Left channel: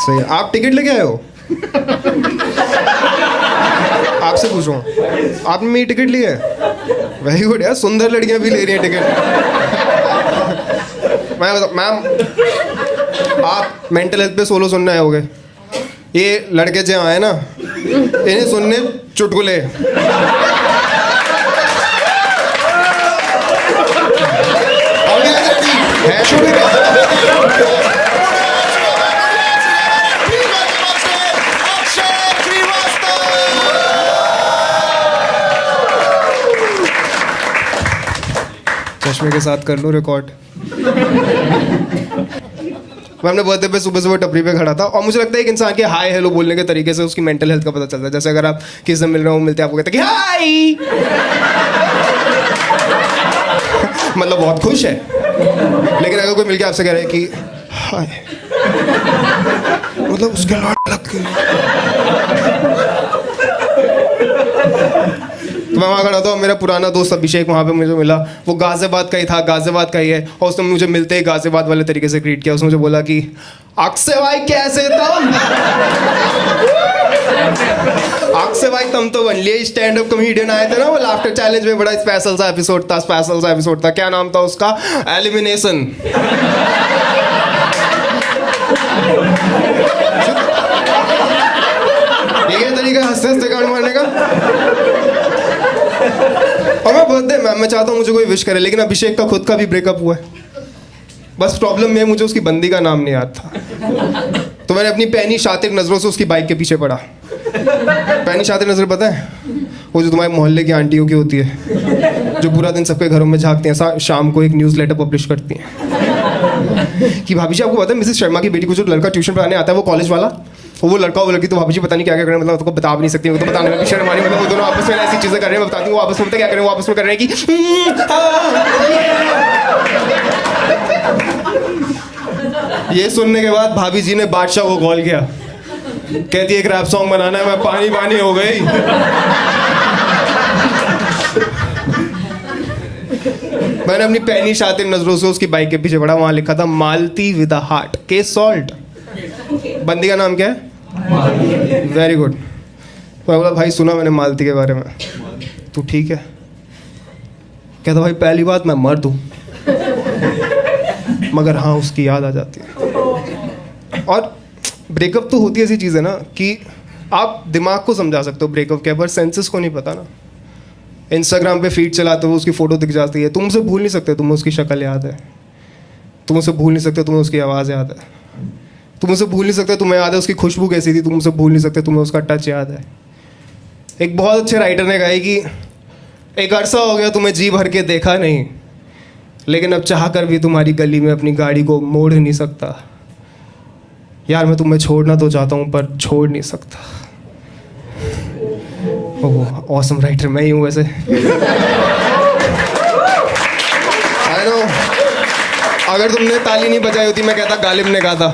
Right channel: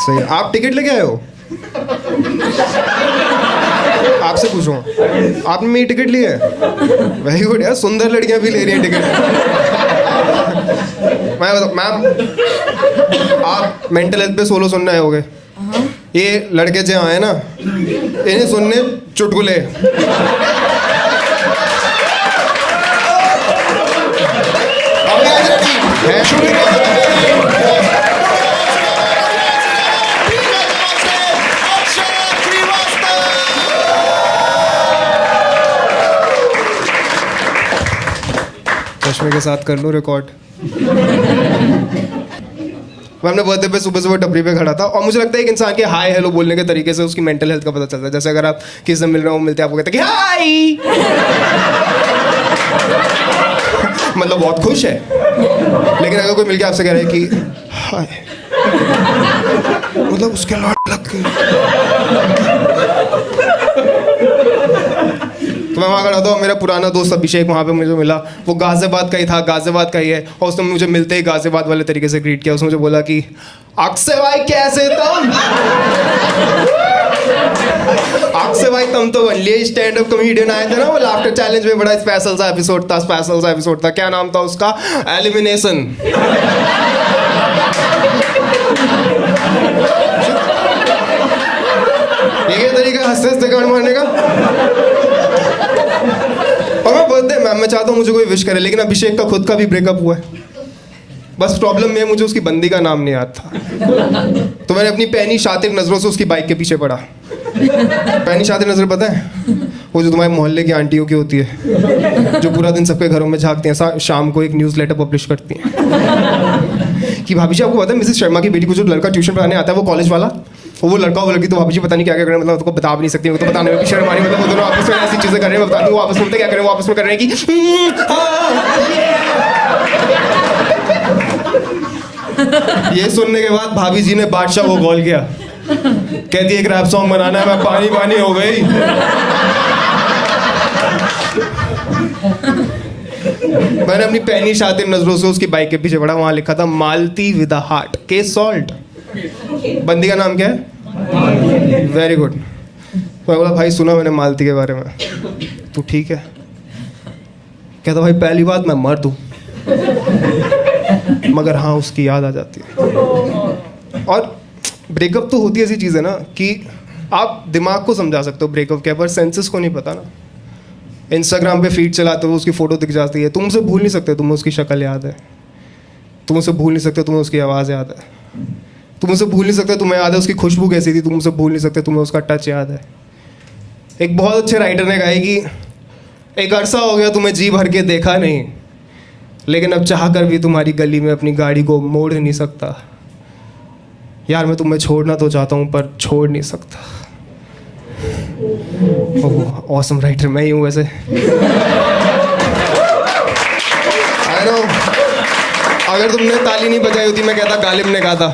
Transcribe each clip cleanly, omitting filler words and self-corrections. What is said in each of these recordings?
सही। आप टिकट लेके आए हो? आपसे पूछूं, आपने मेरी टिकट ली है? वेरी गुड यार, सुंदर लड़कियां भी ले रही हैं टिकट। मैं बता मैम, आप मेंटल हेल्थ पे सोलो सुनने आए होगे। ये लड़के जो आए ना, इन्हें सुनने चुटकुले। है चश्मे के साथ कर लूं रिकॉर्ड। मैं अपने बर्थडे पे सुबह सुबह टपरी पे खड़ा था और मुझे लगता है एक इंसान के हाय हेलो बोलने के तरीके से उसकी मेंटल हेल्थ का पता चलता है। जैसे अगर आप किसी से मिल रहे हो, मिलते आपको कहते हैं कि हाय, मतलब बहुत खुश है। लेकिन अगर कोई मिलके आपसे कह रहा है कि हाय, मतलब उसके लाड लग गई। तो मैं वहाँ खड़ा था, मेरा पुराना दोस्त अभिषेक वहाँ पे मुझे मिला। वो गाजियाबाद का ही था, गाजियाबाद का ही है। और उसने मुझे मिलते ही गाजियाबाद वाले तरीके से ग्रीट किया। उसने मुझे बोला कि अक्से भाई कैसे तुम? अक्से भाई तुम तो वनली स्टैंड अप कॉमेडियन आए थे ना, वो लाफ्टर चैलेंज में बड़ा स्पेशल सा एपिसोड था। क्या नाम था उसका? एलिमिनेशन। ये तरीका हंसते हंसते गाड़ मारने का। और मैं बर्थडे मैं चाहता हूँ मुझे कोई विश करे, लेकिन अभिषेक का खुद का भी ब्रेकअप हुआ है। बस प्रॉब्लम में मुझे उसकी बंदी का नाम नहीं याद था, तो मैंने अपनी पैनी शातिर नजरों से उसकी बाइक के पीछे पड़ा। पैनी शातिर नजर पता है? वो जो तुम्हारे मोहल्ले की आंटियों की होती है, जो पूरा दिन सबके घरों में झांकती हैं, शाम को एक न्यूज़लेटर पब्लिश करती हैं कि भाभी जी आपको पता है मिसेस शर्मा की बेटी को जो लड़का ट्यूशन पढ़ाने आता है वो कॉलेज वाला, वो लड़का वो लड़की, तो भाभी जी पता नहीं क्या क्या कर रहे हैं, मतलब उसको बता भी नहीं सकती, वो तो बताने में भी शर्म आ रही है। मतलब वो दोनों आपस में ऐसी चीजें कर रहे हैं, मैं बताती हूँ वो आपस में पता क्या कर रहे हैं, वो आपस में कर रहे हैं कि ये सुनने के बाद भाभी जी ने बादशाह को कॉल किया। कहती एक रैप सॉन्ग बनाना है। मैं पानी पानी हो गई। मैंने अपनी पैनी शातिर नजरों से उसकी बाइक के पीछे पड़ा। वहां लिखा था Malti with a heart, case solved. बंदी का नाम क्या है? Very good. मैं बोला भाई सुना मैंने मालती के बारे में, तू ठीक है? कहता भाई पहली बात मैं मर्द हूं, मगर हाँ उसकी याद आ जाती है। और ब्रेकअप तो होती ऐसी चीज़ है ना कि आप दिमाग को समझा सकते हो ब्रेकअप के, पर सेंसेस को नहीं पता ना। इंस्टाग्राम पे फीड चलाते हो, उसकी फ़ोटो दिख जाती है, तुम उसे भूल नहीं सकते, तुम्हें उसकी शक्ल याद है। तुम उसे भूल नहीं सकते, तुम्हें उसकी आवाज़ याद है। तुम उसे भूल नहीं सकते, तुम्हें याद है उसकी खुशबू कैसी थी। तुम उसे भूल नहीं सकते, तुम्हें उसका टच याद है। एक बहुत अच्छे राइटर ने कहा है कि एक अरसा हो गया तुम्हें जी भर के देखा नहीं, लेकिन अब चाह कर भी तुम्हारी गली में अपनी गाड़ी को मोड़ नहीं सकता। यार मैं तुम्हें छोड़ना तो चाहता हूँ पर छोड़ नहीं सकता। ओह ऑसम राइटर मैं ही हूँ वैसे। आई नो, अगर तुमने ताली नहीं बजाई होती मैं कहता गालिब ने कहा था।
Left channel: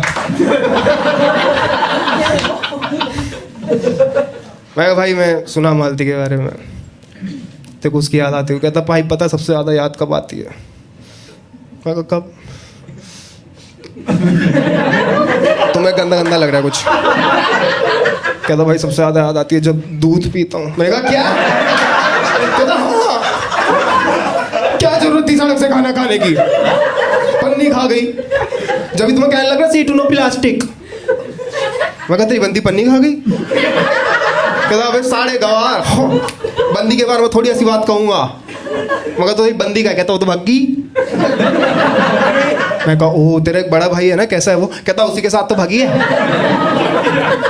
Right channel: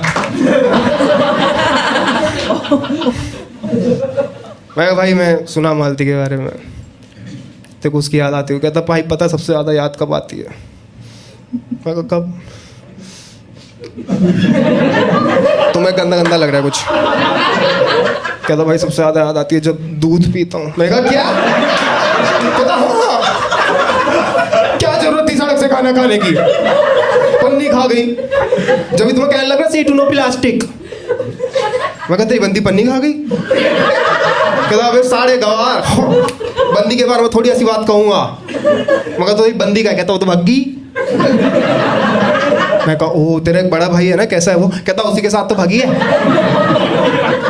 मैं भाई मैं सुना मालती के बारे में, तेरे को उसकी याद आती है? कहता भाई पता सबसे ज़्यादा याद कब आती है? मैं कहा कब? तुम्हें गंदा गंदा लग रहा है कुछ। कहता भाई सबसे ज़्यादा याद आती है जब दूध पीता हूँ। मैं कहा क्या? कहता हाँ, क्या जरूरत थी सड़क से खाना खाने की, पन्नी खा गई। जब तुम्हें कहने लग रहा सी टू नो प्लास्टिक। मैं कहता बंदी पन्नी खा गई। कहता अबे साढ़े गवार, बंदी के बारे में थोड़ी ऐसी बात कहूँगा। मैं कहता बंदी का? कहता वो तो भग्गी। मैं कहा ओह तेरा एक बड़ा भाई है ना, कैसा है वो? कहता उसी के साथ तो भागी है।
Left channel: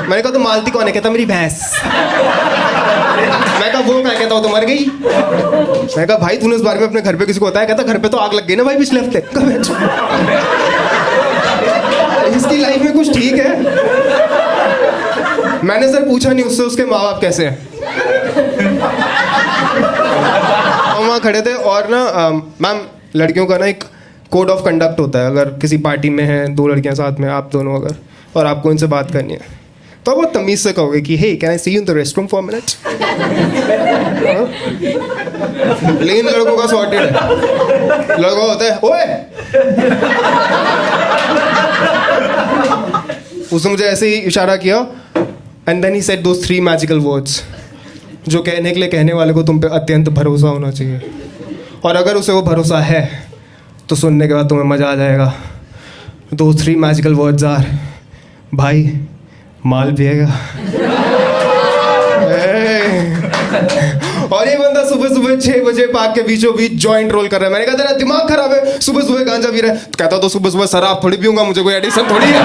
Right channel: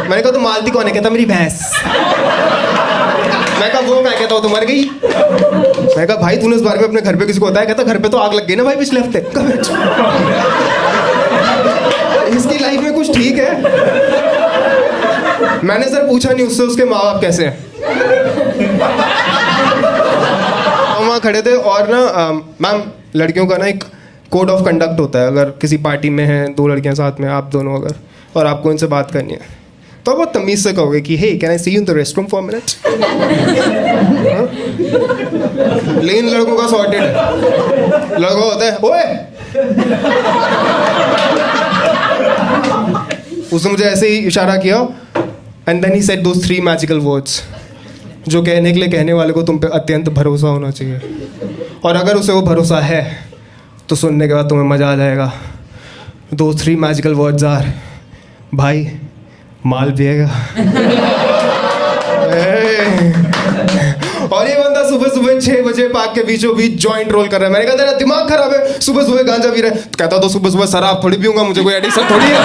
मैंने कहा तो मालती कौन है? कहता मेरी भैंस। मैं कहा वो क्या? कहता वो तो मर गई। मैं कहा भाई तूने इस बारे में अपने घर पे किसी को बताया? कहता घर पे तो आग लग गई ना भाई पिछले हफ्ते। इसकी लाइफ में कुछ ठीक है? मैंने सर पूछा नहीं उससे उसके माँ बाप कैसे हैं। हम वहाँ खड़े थे और ना मैम लड़कियों का ना एक कोड ऑफ कंडक्ट होता है। अगर किसी पार्टी में हैं दो लड़कियां साथ में, आप दोनों अगर, और आपको इनसे बात करनी है तो आप बहुत तमीज़ से कहोगे कि hey can I see you in the restroom for minute. लेकिन लड़कों का सॉर्टेड है। लड़का होता है ओए उसने मुझे ऐसे ही इशारा किया and then he said those 3 magical words जो कहने के लिए कहने वाले को तुम पे अत्यंत भरोसा होना चाहिए, और अगर उसे वो भरोसा है तो सुनने के बाद तुम्हें मज़ा आ जाएगा। दोस 3 मैजिकल वर्ड्स आर, भाई माल पिएगा। और ये बंदा सुबह सुबह 6 बजे पार्क के बीचों बीच जॉइंट रोल कर रहा है। मैंने कहा तेरा दिमाग खराब है, सुबह सुबह गांजा पी रहा है। तो कहता तो सुबह सुबह शराब थोड़ी पीऊंगा, मुझे कोई एडिक्शन थोड़ी है।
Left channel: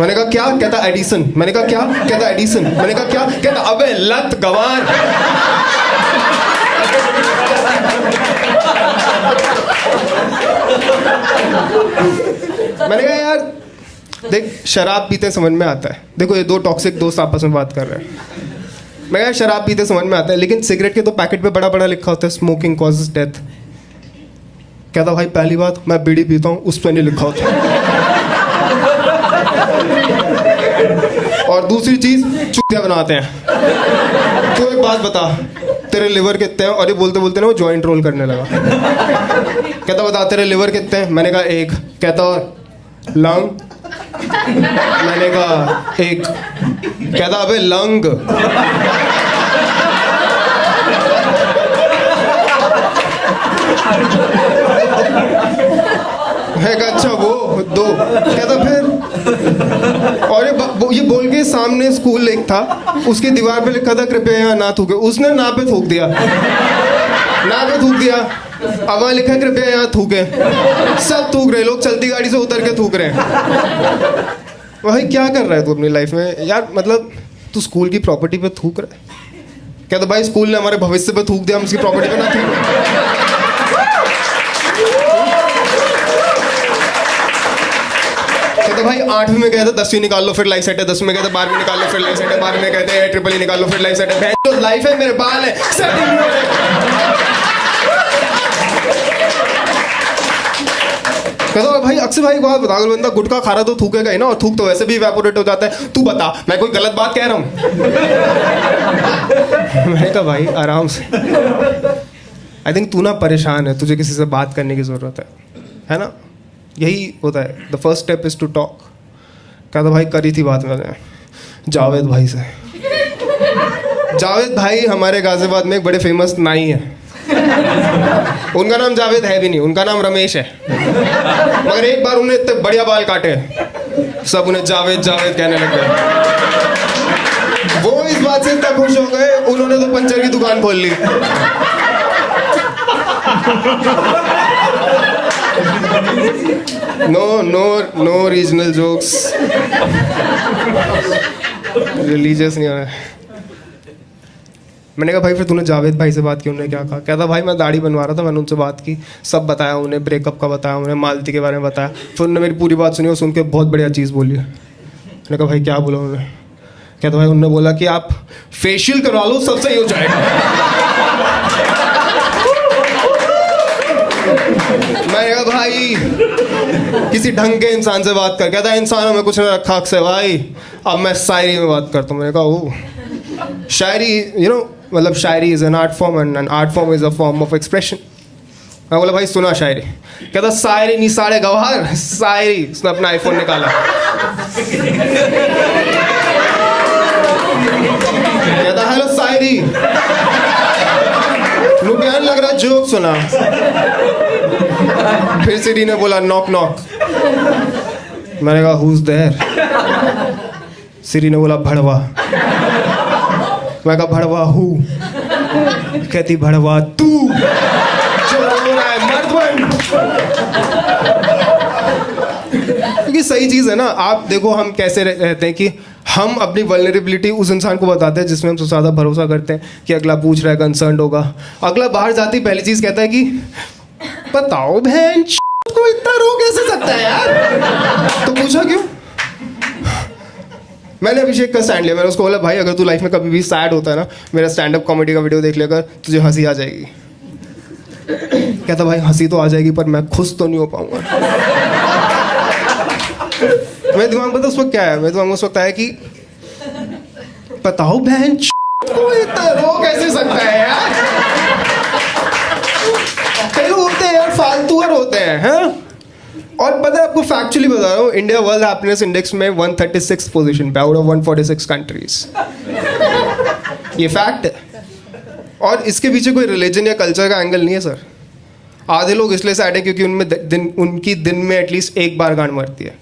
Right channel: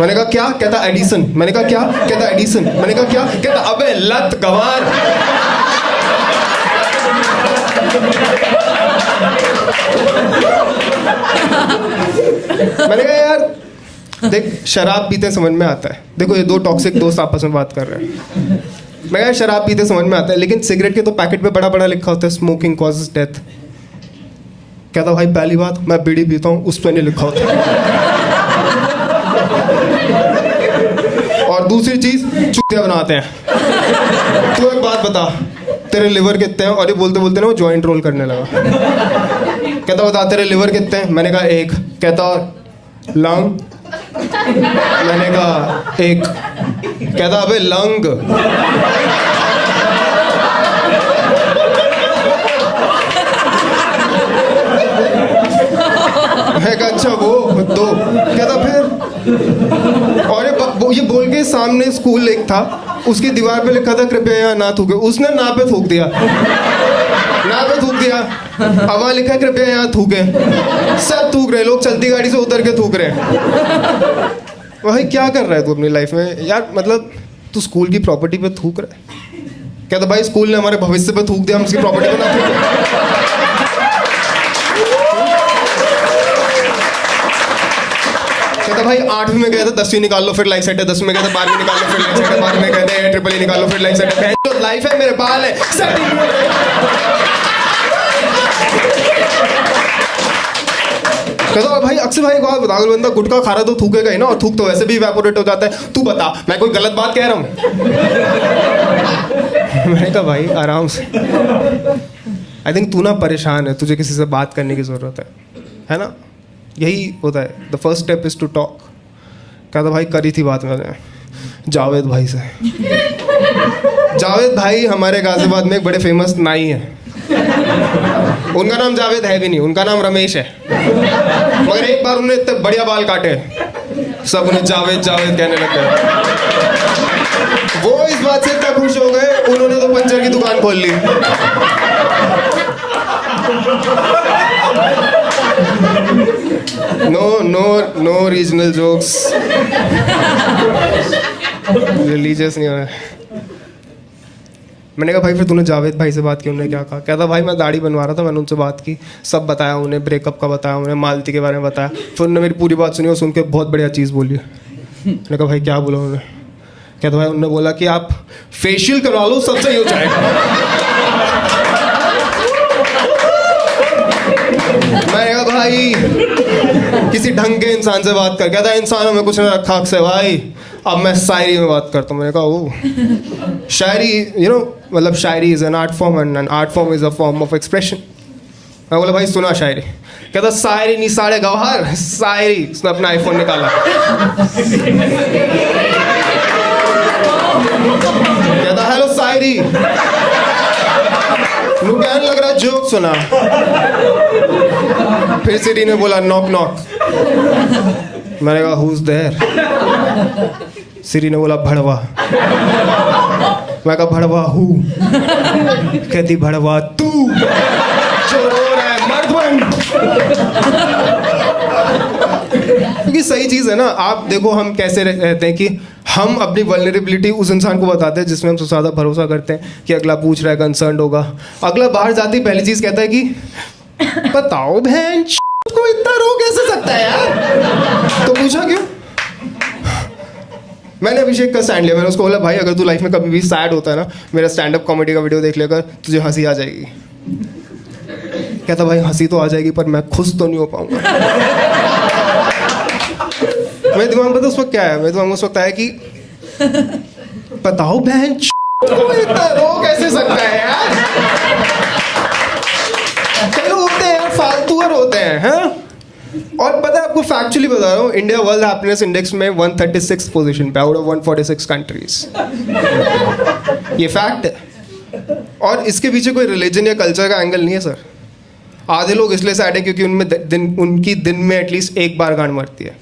मैंने कहा क्या? कहता एडिशन। मैंने कहा क्या? कहता एडिशन। मैंने कहा क्या? कहता अबे लत गंवार। मैंने कहा यार देख, शराब पीते समझ में आता है। देखो ये 2 टॉक्सिक दोस्त आपस में बात कर रहे हैं। मैं कहा शराब पीते समझ में आता है, लेकिन सिगरेट के तो पैकेट पे बड़ा बड़ा लिखा होता है स्मोकिंग कॉजेज डेथ। कहता भाई पहली बात मैं बीड़ी पीता हूँ, उस पर नहीं लिखा होता। और दूसरी चीज चुतिया बनाते हैं। तू एक बात बता, तेरे लिवर कितने हैं? और ये बोलते बोलते ना वो जॉइंट रोल करने लगा। कहता बता तेरे लिवर कितने हैं? मैंने कहा 1। कहता लंग। मैंने कहा 1। कहता अबे लंग। मैं कहा अच्छा वो 2। कहता फिर, और ये बोल के सामने स्कूल एक था, उसकी दीवार पे लिखा था कृपया यहाँ ना थूके। उसने ना पे थूक दिया, ना पे थूक दिया। अब वहाँ लिखा है कृपया यहाँ थूके। सब थूक रहे, लोग चलती गाड़ी से उतर के थूक रहे हैं। भाई क्या कर रहा है तू अपनी लाइफ में यार? मतलब तू स्कूल की प्रॉपर्टी पे थूक रहा है। कहता भाई स्कूल ने हमारे भविष्य पे थूक दिया, हम उसकी प्रॉपर्टी पे ना थूके। कहता भाई 8वीं में गए थे, 10वीं निकाल लो फिर लाइफ सेट है। 10वीं में गए थे, 12वीं निकाल लो फिर लाइफ सेट है। 12वीं में कहते हैं ट्रिपल निकाल लो फिर लाइफ सेट है। तो लाइफ है, मेरे बाल है, सेटिंग नहीं हो रहे। कहता भाई अक्सर भाई एक बात बता, बंदा गुटखा खा रहा तो थूकेगा ही ना, और थूक तो वैसे भी इवेपोरेट हो जाता है। तू बता मैं कोई गलत बात कह रहा हूँ? मैंने कहा भाई आराम से, आई थिंक तू ना परेशान है, तुझे किसी से बात करने की जरूरत है ना? यही होता है, the first step is to talk. कहता भाई करी थी बात मैंने जावेद भाई से। जावेद भाई हमारे गाजियाबाद में एक बड़े फेमस नाई है। उनका नाम जावेद है भी नहीं, उनका नाम रमेश है। मगर एक बार उन्होंने इतने बढ़िया बाल काटे, सब उन्हें जावेद जावेद कहने लग गए। वो इस बात से इतना खुश हो गए, उन्होंने तो पंचर की दुकान खोल ली। नो रीजनल जोक्स, रिलीजियस नहीं हो रहा है। मैंने कहा भाई फिर तूने जावेद भाई से बात की? उन्होंने क्या कहा? कहता भाई मैं दाढ़ी बनवा रहा था, मैंने उनसे बात की, सब बताया उन्हें, ब्रेकअप का बताया उन्हें, मालती के बारे में बताया। फिर उन्होंने मेरी पूरी बात सुनी और सुन के बहुत बढ़िया चीज़ बोली। मैंने कहा भाई क्या बोला उन्होंने? कहता भाई उन्होंने बोला कि आप फेशियल करवा लो, सब सही हो जाएगा। मैंने कहा भाई किसी ढंग के इंसान से बात कर। कहता इंसानों में कुछ नहीं रखा अक्सर भाई, अब मैं शायरी में बात करता हूँ। मैंने कहा ओ शायरी, यू नो, मतलब शायरी is an art form and an art form is a form of expression. मैं बोला भाई सुना शायरी? कहता शायरी नहीं साढ़े गवार, शायरी। उसने अपना आईफोन निकाला, कहता हेलो शायरी। कहने लग रहा जोक सुना। फिर सिरी ने बोला नॉक नॉक। मैंने कहा हु इज देयर? सिरी ने बोला भड़वा। मैं कहा भड़वा हु? कहती भड़वा तू जो रो रहा है, मर्द बन। क्योंकि सही चीज है ना। आप देखो हम कैसे रहते हैं कि हम अपनी वल्नरेबिलिटी उस इंसान को बताते हैं जिसमें हम सबसे ज्यादा भरोसा करते हैं कि अगला पूछ रहा है, कंसर्न होगा। अगला बाहर जाते ही पहली चीज कहता है कि बताओ बहन को इतना रो कैसे सकता है यार? तो पूछा क्यों? मैंने अभिषेक का स्टैंड लिया। मैंने उसको बोला भाई अगर तू लाइफ में कभी भी सैड होता है ना, मेरा स्टैंड अप कॉमेडी का वीडियो देख लेकर, तुझे हंसी आ जाएगी। कहता भाई हंसी तो आ जाएगी पर मैं खुश तो नहीं हो पाऊंगा। मेरे दिमाग में तो उस वक्त क्या है? मेरे दिमाग में उस वक्त है कि बताओ बहन को इतना रो कैसे सकता है यार? कई लोग होते हैं यार फालतू और होते हैं, हैं? और पता है आपको, फैक्चुअली बता रहा हूँ, इंडिया वर्ल्ड हैप्पीनेस इंडेक्स में 136 पोजीशन पे आउट ऑफ 146 कंट्रीज। ये फैक्ट है। और इसके पीछे कोई रिलीजन या कल्चर का एंगल नहीं है सर। आधे लोग इसलिए सैड हैं क्योंकि उनकी दिन में एटलीस्ट एक बार गांड मरती है।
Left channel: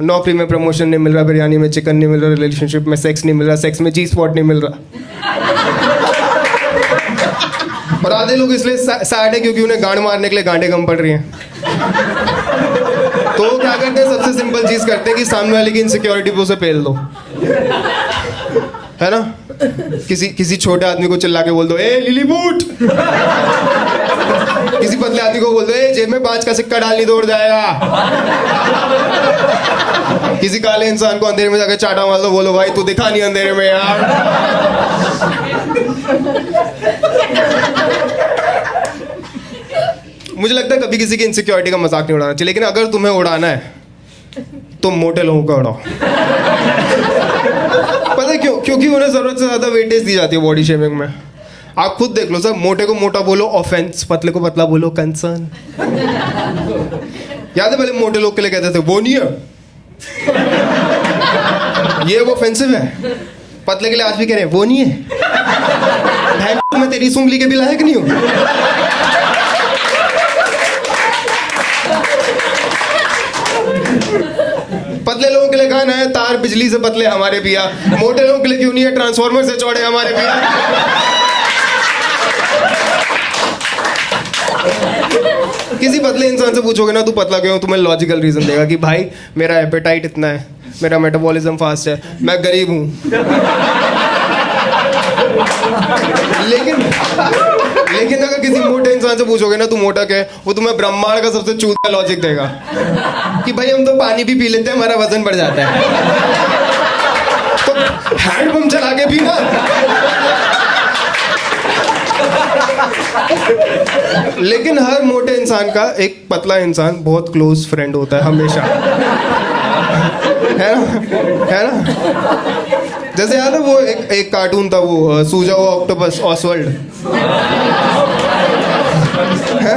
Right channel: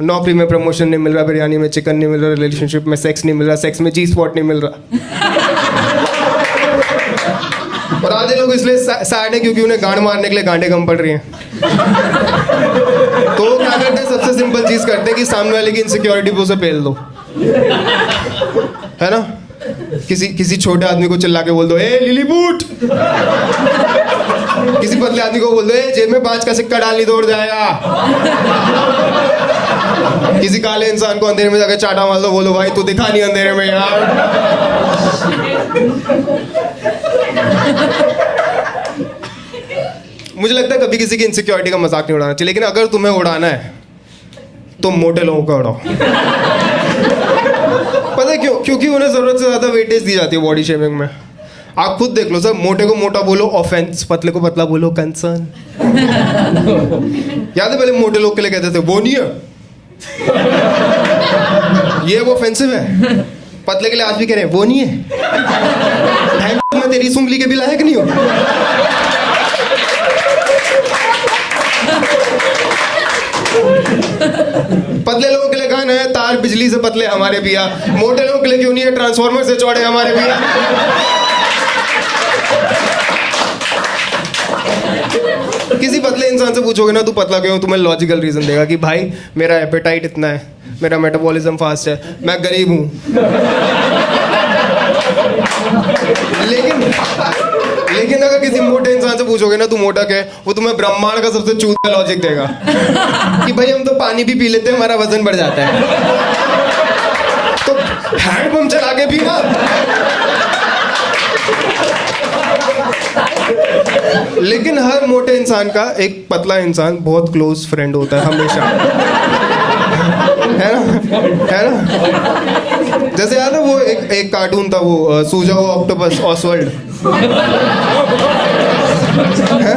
नौकरी में प्रमोशन नहीं मिल रहा, बिरयानी में चिकन नहीं मिल रहा, रिलेशनशिप में सेक्स नहीं मिल रहा, सेक्स में जी स्पॉट नहीं मिल रहा। और आधे लोग इसलिए सैड है क्योंकि उन्हें गांड मारने के लिए गांडे कम पड़ रही हैं। तो वो क्या करते हैं, सबसे सिंपल चीज करते हैं कि सामने वाले की इनसिक्योरिटी पे उसे पेल दो, है ना। किसी छोटे आदमी को चिल्ला के बोल दो, ए लिली बूट। किसी पतले आदमी को बोल दो, ए जेब में 5 का सिक्का डाल नहीं दौड़ जाएगा। किसी काले इंसान को अंधेरे में जाकर चाटा मार दो, बोलो भाई तू दिखा नहीं अंधेरे में यार। मुझे लगता है कभी किसी की इनसिक्योरिटी का मजाक नहीं उड़ाना चाहिए, लेकिन अगर तुम्हें उड़ाना है तो मोटे लोगों का उड़ाओ। पता है क्यों? क्योंकि उन्हें जरूरत से ज्यादा वेटेज दी जाती है बॉडी शेमिंग में। आप खुद देख लो सर, मोटे को मोटा बोलो ऑफेंस, पतले को पतला बोलो कंसर्न। याद है पहले मोटे लोग के लिए कहते थे वो नहीं है, ये वो ऑफेंसिव है। पतले के लिए आज भी कह रहे हैं वो नहीं है, मैं तेरी सुंगली के भी लायक नहीं हूं। पतले लोगों के लिए गाना है, तार बिजली से पतले हमारे पिया। मोटे लोगों के लिए क्यों नहीं है, ट्रांसफॉर्मर से चौड़े हमारे पिया। किसी पतले इंसान से पूछोगे ना तू पतला क्यों, तुम्हें लॉजिकल रीजन देगा कि भाई मेरा एपेटाइट इतना है, मेरा मेटाबॉलिज्म फास्ट है, मैं गरीब हूं। लेकिन अगर किसी मोटे इंसान से पूछोगे ना तू मोटा क्या है, वो तुम्हें ब्रह्मांड का सबसे चूतिया लॉजिक देगा कि भाई हम तो पानी भी पी लेते हैं, हमारा वजन बढ़ जाता है। तो हैंडपंप चला के भी ना। लेकिन हर मोटे इंसान का एक पतला इंसान बहुत क्लोज फ्रेंड होता है हमेशा, है ना। जैसे याद है वो एक कार्टून था, वो सूजा हुआ ऑक्टोपस ऑसवर्ल्ड, है।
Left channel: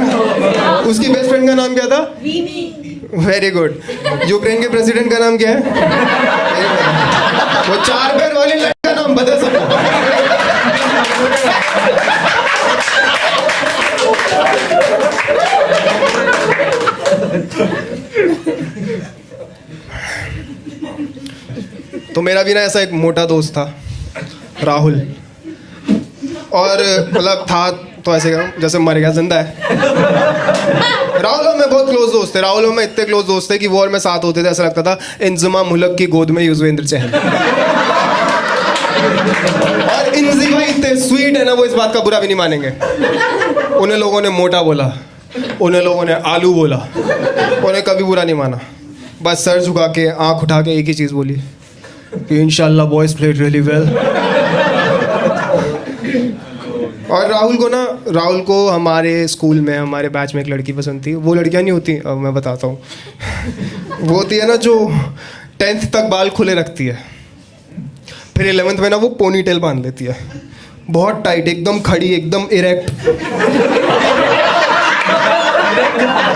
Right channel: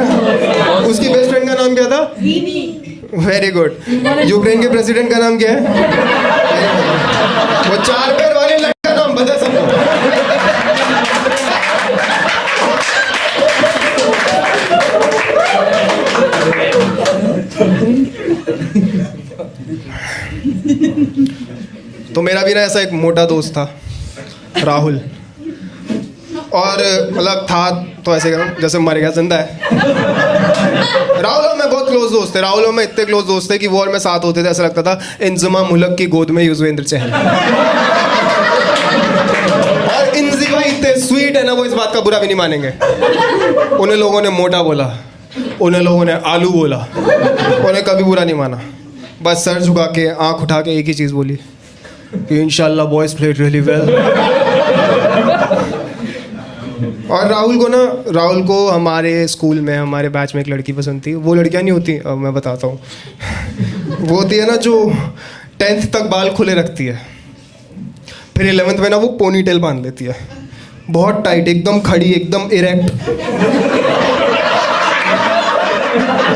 उसकी बेस्ट फ्रेंड का नाम क्या था? Very good. यूक्रेन के प्रेसिडेंट का नाम क्या है? वो 4 पैर वाले लड़का नाम बता सबको। तो मेरा भी ना ऐसा एक मोटा दोस्त था, राहुल। और मतलब था तो ऐसे करूँ जैसे मर गया, जिंदा है। राहुल और मैं बहुत क्लोज दोस्त थे। राहुल और मैं इतने क्लोज दोस्त थे कि वो और मैं साथ होते थे, ऐसा लगता था इंजमा मुल्क की गोद में युजवेंद्र चहल। और इंजी भाई इतने स्वीट है ना, वो इस बात का बुरा भी नहीं मानेंगे। उन्हें लोगों ने मोटा बोला, उन्हें लोगों ने आलू बोला, उन्हें कभी बुरा नहीं माना। बस सर झुका के आंख उठा के एक ही चीज़ बोली कि इंशाल्लाह बॉयज प्लेड रियली वेल। और राहुल को हमारे स्कूल में, हमारे बैच में एक लड़की पसंद थी। वो लड़कियां नहीं होती, अब मैं बताता हूँ। वो होती है ना जो 10th तक बाल खुले रखती है, फिर 11th में ना वो पोनी टेल बांध लेती है, बहुत टाइट, एकदम खड़ी, एकदम इरेक्ट।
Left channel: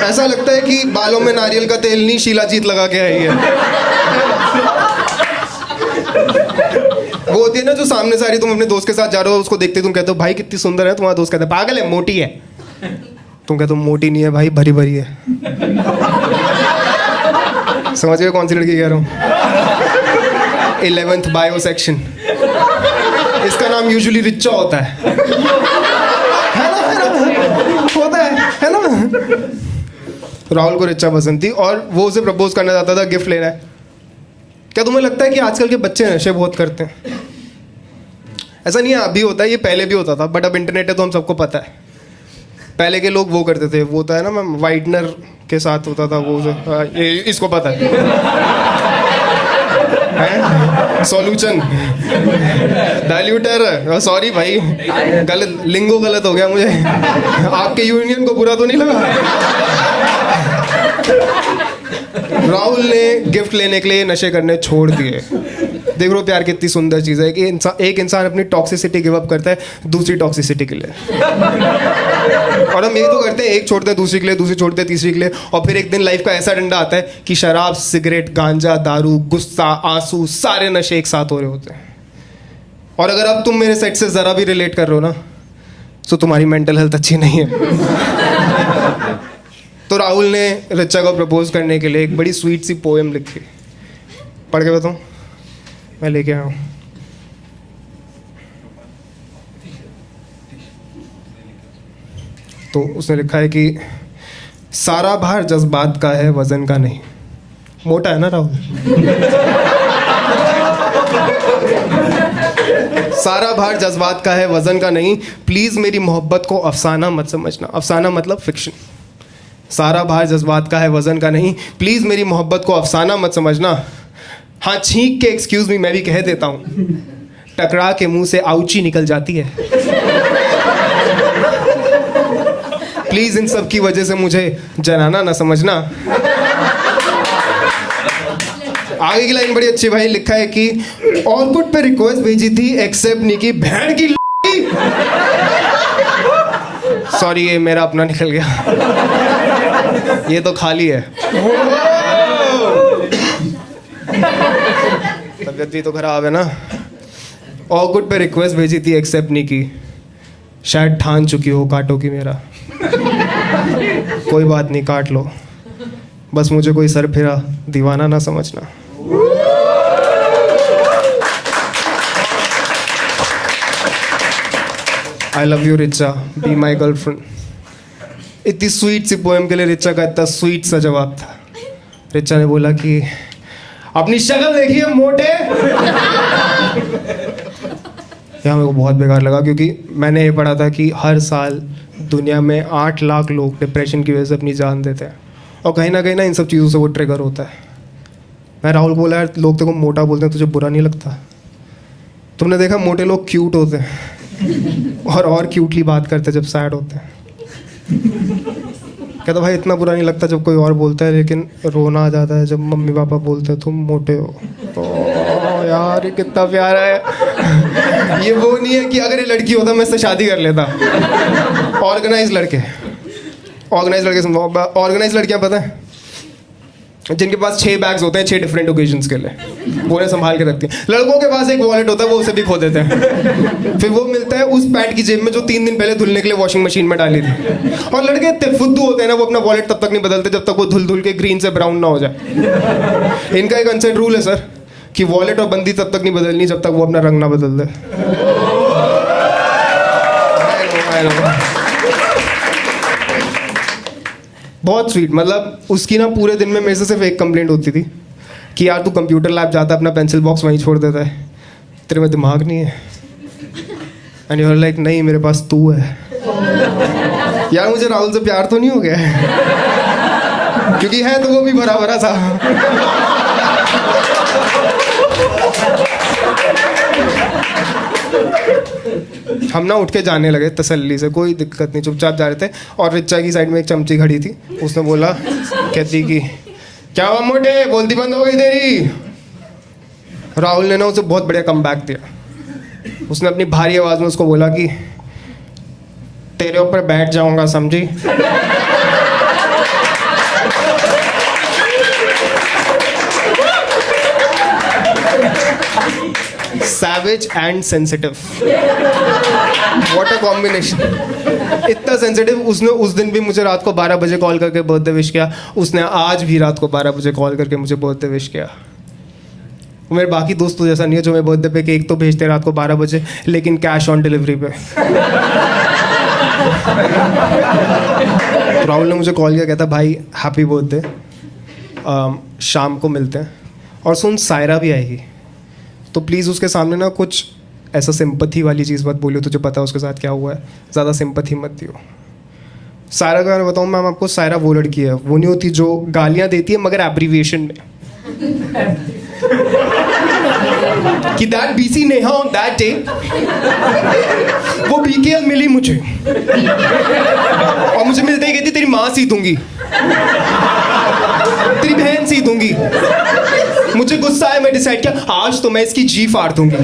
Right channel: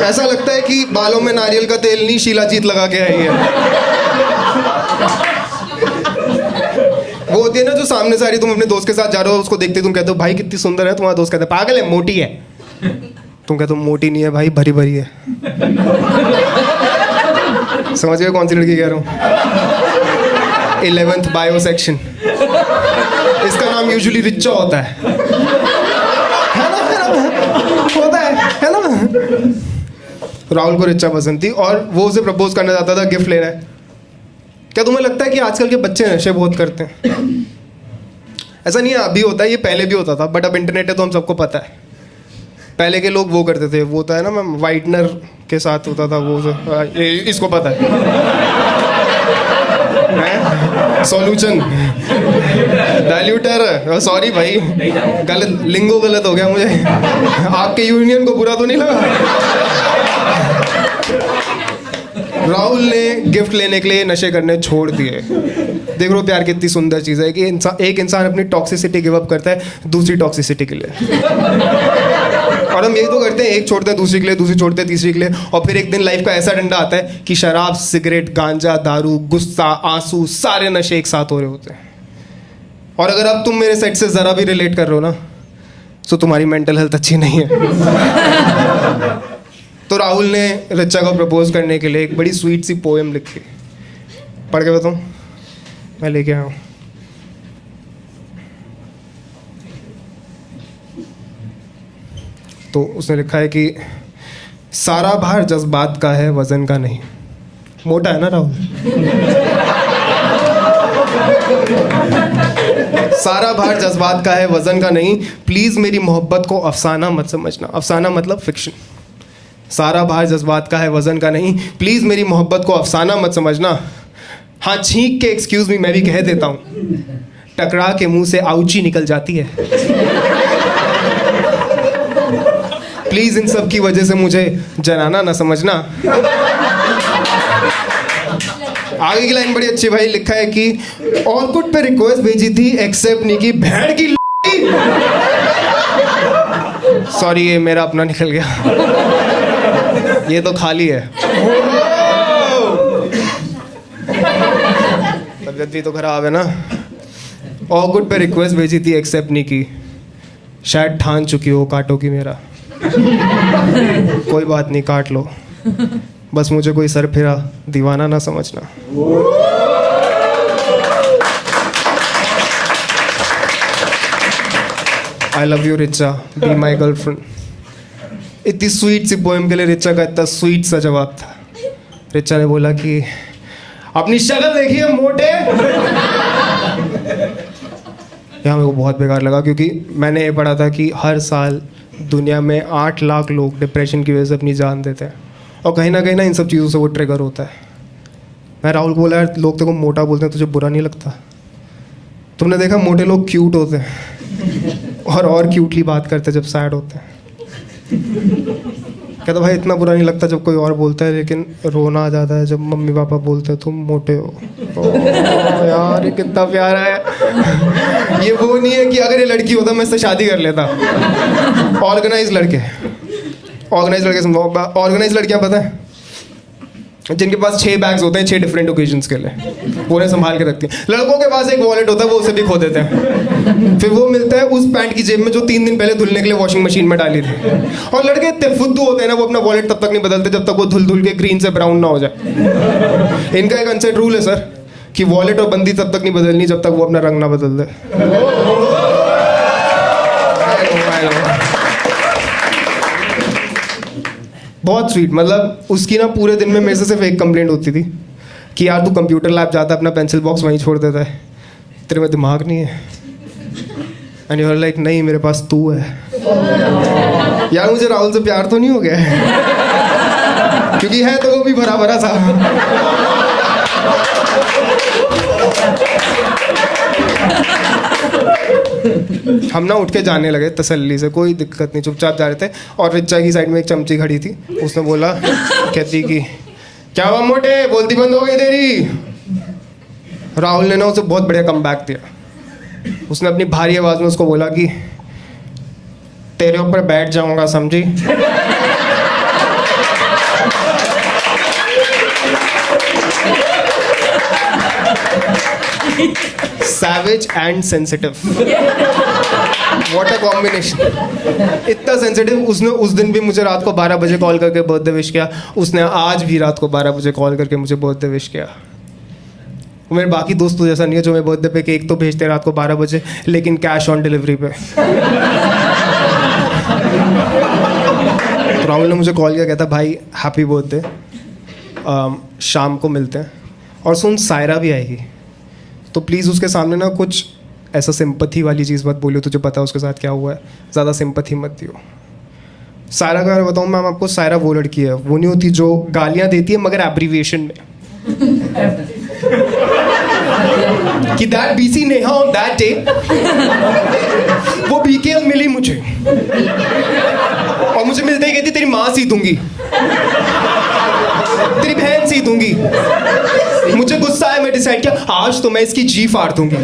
ऐसा लगता है कि बालों में नारियल का तेल नहीं, शीलाजीत लगा के आई है। वो होती है ना जो सामने से आ रही, तुम अपने दोस्त के साथ जा रहे हो, उसको देखते तुम कहते हो भाई कितनी सुंदर है, तुम्हारा दोस्त कहता है पागल है, मोटी है। तुम कहते हो मोटी नहीं है भाई, भरी भरी है। समझ गए कौन सी लड़की कह रहा हूँ? 11th bio section. इसका नाम यूजुअली रिचा होता है ना, होता है ना। राहुल को रिचा पसंद थी और वो उसे प्रपोज करना चाहता था, गिफ्ट लेना है। क्या तुम्हें लगता है कि आजकल के बच्चे नशे बहुत करते हैं? ऐसा नहीं है, अभी होता है, ये पहले भी होता था, बट अब इंटरनेट है तो हम सबको पता है। पहले के लोग वो करते थे, वो होता है ना मैम, वाइटनर के साथ होता था वो, इसको पता है सॉल्यूशन, डाइल्यूटर। सॉरी भाई, गलत लिंगो गलत हो गया मुझे। आपके यूनियन को बुरा तो नहीं लगा? राहुल ने गिफ्ट लेने के लिए नशे करने छोड़ दिए। देख लो प्यार कितनी सुंदर चीज़ है कि एक इंसान अपनी टॉक्सिसिटी गिव अप करता है दूसरी टॉक्सिसिटी के लिए। और हम यही तो करते हैं, एक छोड़ते हैं दूसरी के लिए, दूसरी छोड़ते हैं तीसरी के लिए, और फिर एक दिन लाइफ का ऐसा डंडा आता है कि शराब, सिगरेट, गांजा, दारू, गुस्सा, आंसू, सारे नशे एक साथ हो रहे होते हैं। और अगर अब तुम मेरे सेट से ज़रा भी रिलेट कर रहे हो ना, तो तुम्हारी मेंटल हेल्थ अच्छी नहीं है। तो राहुल ने रिचा को प्रपोज करने के लिए एक बड़ी स्वीट सी पोएम लिखी। पढ़ के बताऊँ? मैं लेके आया हूँ। तो उसने लिखा है कि सारा भार जज्बात का है, वजन का नहीं। मोटा है ना राहुल? सारा भार जज्बात का है, वजन का नहीं। प्लीज मेरी मोहब्बत को अफसाना मत समझना। अफसाना मतलब फिक्शन। सारा भार जज्बात का है, वजन का नहीं। प्लीज मेरी मोहब्बत को अफसाना मत समझना। हाँ, छींक के एक्सक्यूज मी मैं भी कह देता हूँ, टकरा के मुंह से आउची निकल जाती है। प्लीज इन सब की वजह से मुझे जनाना ना समझना। आगे की लाइन बड़ी अच्छी भाई, लिखा है कि ऑर्कुट पे रिक्वेस्ट भेजी थी, एक्सेप्ट नहीं की, भेड़ की। सॉरी, ये मेरा अपना निकल गया, ये तो खाली है। तबियत भी तो खराब है ना। ऑर्कुट पे रिक्वेस्ट भेजी थी, एक्सेप्ट नहीं की, शायद ठान चुकी हो काटोगी मेरा। कोई बात नहीं, काट लो, बस मुझे कोई सर फिरा दीवाना ना समझना। I love you Richa, be my girlfriend. इतनी स्वीट सी पोएम के लिए रिचा का इतना स्वीट सा जवाब था। रिचा ने बोला कि अपनी शक्ल देखिए मोटे। यहाँ मेरे को बहुत बेकार लगा, क्योंकि मैंने ये पढ़ा था कि हर साल दुनिया में 8 लाख लोग डिप्रेशन की वजह से अपनी जान देते हैं, और कहीं ना इन सब चीज़ों से वो ट्रिगर होता है। मैं राहुल को बोला, यार लोग तेरे को मोटा बोलते हैं, तुझे बुरा नहीं लगता? तुमने देखा मोटे लोग क्यूट होते हैं और क्यूटली बात करते हैं जब सैड होते हैं। कहता भाई इतना बुरा नहीं लगता जब कोई और बोलता है, लेकिन रोना आ जाता है जब मम्मी पापा बोलते हैं तुम मोटे हो। ओ यार, ये कितना प्यारा है। ये वो नहीं है कि अगर ये लड़की होता मैं इससे शादी कर लेता। ऑर्गेनाइज लड़के समझो। ऑर्गेनाइज लड़कियां पता है, जिनके पास 6 बैग्स होते हैं 6 डिफरेंट ओकेजन्स के लिए, वो उन्हें संभाल के रखती हैं। लड़कों के पास एक वॉलेट होता है, वो उसे भी खो देते हैं। फिर वो मिलता है उस पैंट की जेब में जो 3 दिन पहले धुलने के लिए वॉशिंग मशीन में डाली थी। और लड़के इतने फुद्दू होते हैं ना, वो अपना वॉलेट तब तक नहीं बदलते जब तक वो धुल के ग्रीन से ब्राउन ना हो जाए। इनका एक अनसेट रूल है सर, कि वॉलेट और बंदी तब तक नहीं बदलनी जब तक वो अपना रंग ना बदल दे। बहुत स्वीट। मतलब उसकी ना पूरे दिन में मेरे से सिर्फ एक कंप्लेंट होती थी कि यार तू कंप्यूटर लैब जाता है, अपना पेंसिल बॉक्स वहीं छोड़ देता है, तेरे में दिमाग नहीं है। एंड यू आर लाइक, नहीं मेरे पास तू है। यार मुझे राहुल से प्यार तो नहीं हो गया है, क्योंकि है तो वो भी भरा भरा था। हम ना उठ के जाने लगे तसल्ली से, कोई दिक्कत नहीं, चुपचाप जा रहे थे। और रिचा की साइड में एक चमची खड़ी थी, उसने बोला, कहती कि क्या हुआ मोटे, बोलती बंद हो गई तेरी। राहुल ने ना उसे बहुत बढ़िया कमबैक दिया। उसने अपनी भारी आवाज में उसको बोला कि तेरे ऊपर बैठ जाऊंगा, समझी? Savage and sensitive, what a combination. इतना सेंसिटिव। उसने उस दिन भी मुझे रात को 12 बजे कॉल करके बर्थडे विश किया। उसने आज भी रात को 12 बजे कॉल करके मुझे बर्थडे विश किया। मेरे बाकी दोस्तों जैसा नहीं है जो मेरे बर्थडे पे केक तो भेजते हैं रात को 12 बजे, लेकिन कैश ऑन डिलीवरी पे। तो राहुल ने मुझे कॉल किया, कहता भाई हैप्पी बर्थडे, शाम को मिलते हैं। और सुन, सायरा भी आएगी, तो प्लीज़ उसके सामने ना कुछ ऐसा सिंपथी वाली चीज़ मत बोलियो, तुझे पता है उसके साथ क्या हुआ है, ज़्यादा सिंपथी मत दियो। सायरा का मैं बताऊँ मैम आपको, सायरा वो लड़की है, वो नहीं होती जो गालियाँ देती है मगर एब्रीविएशन में। कि that BC Neha on that day, वो बीकेएल मिली मुझे, और मुझे मिलते ही कहती तेरी माँ सी दूंगी, तेरी बहन सी दूंगी। मुझे गुस्सा है, मैं डिसाइड किया आज तो मैं इसकी जी फाड़ दूंगी।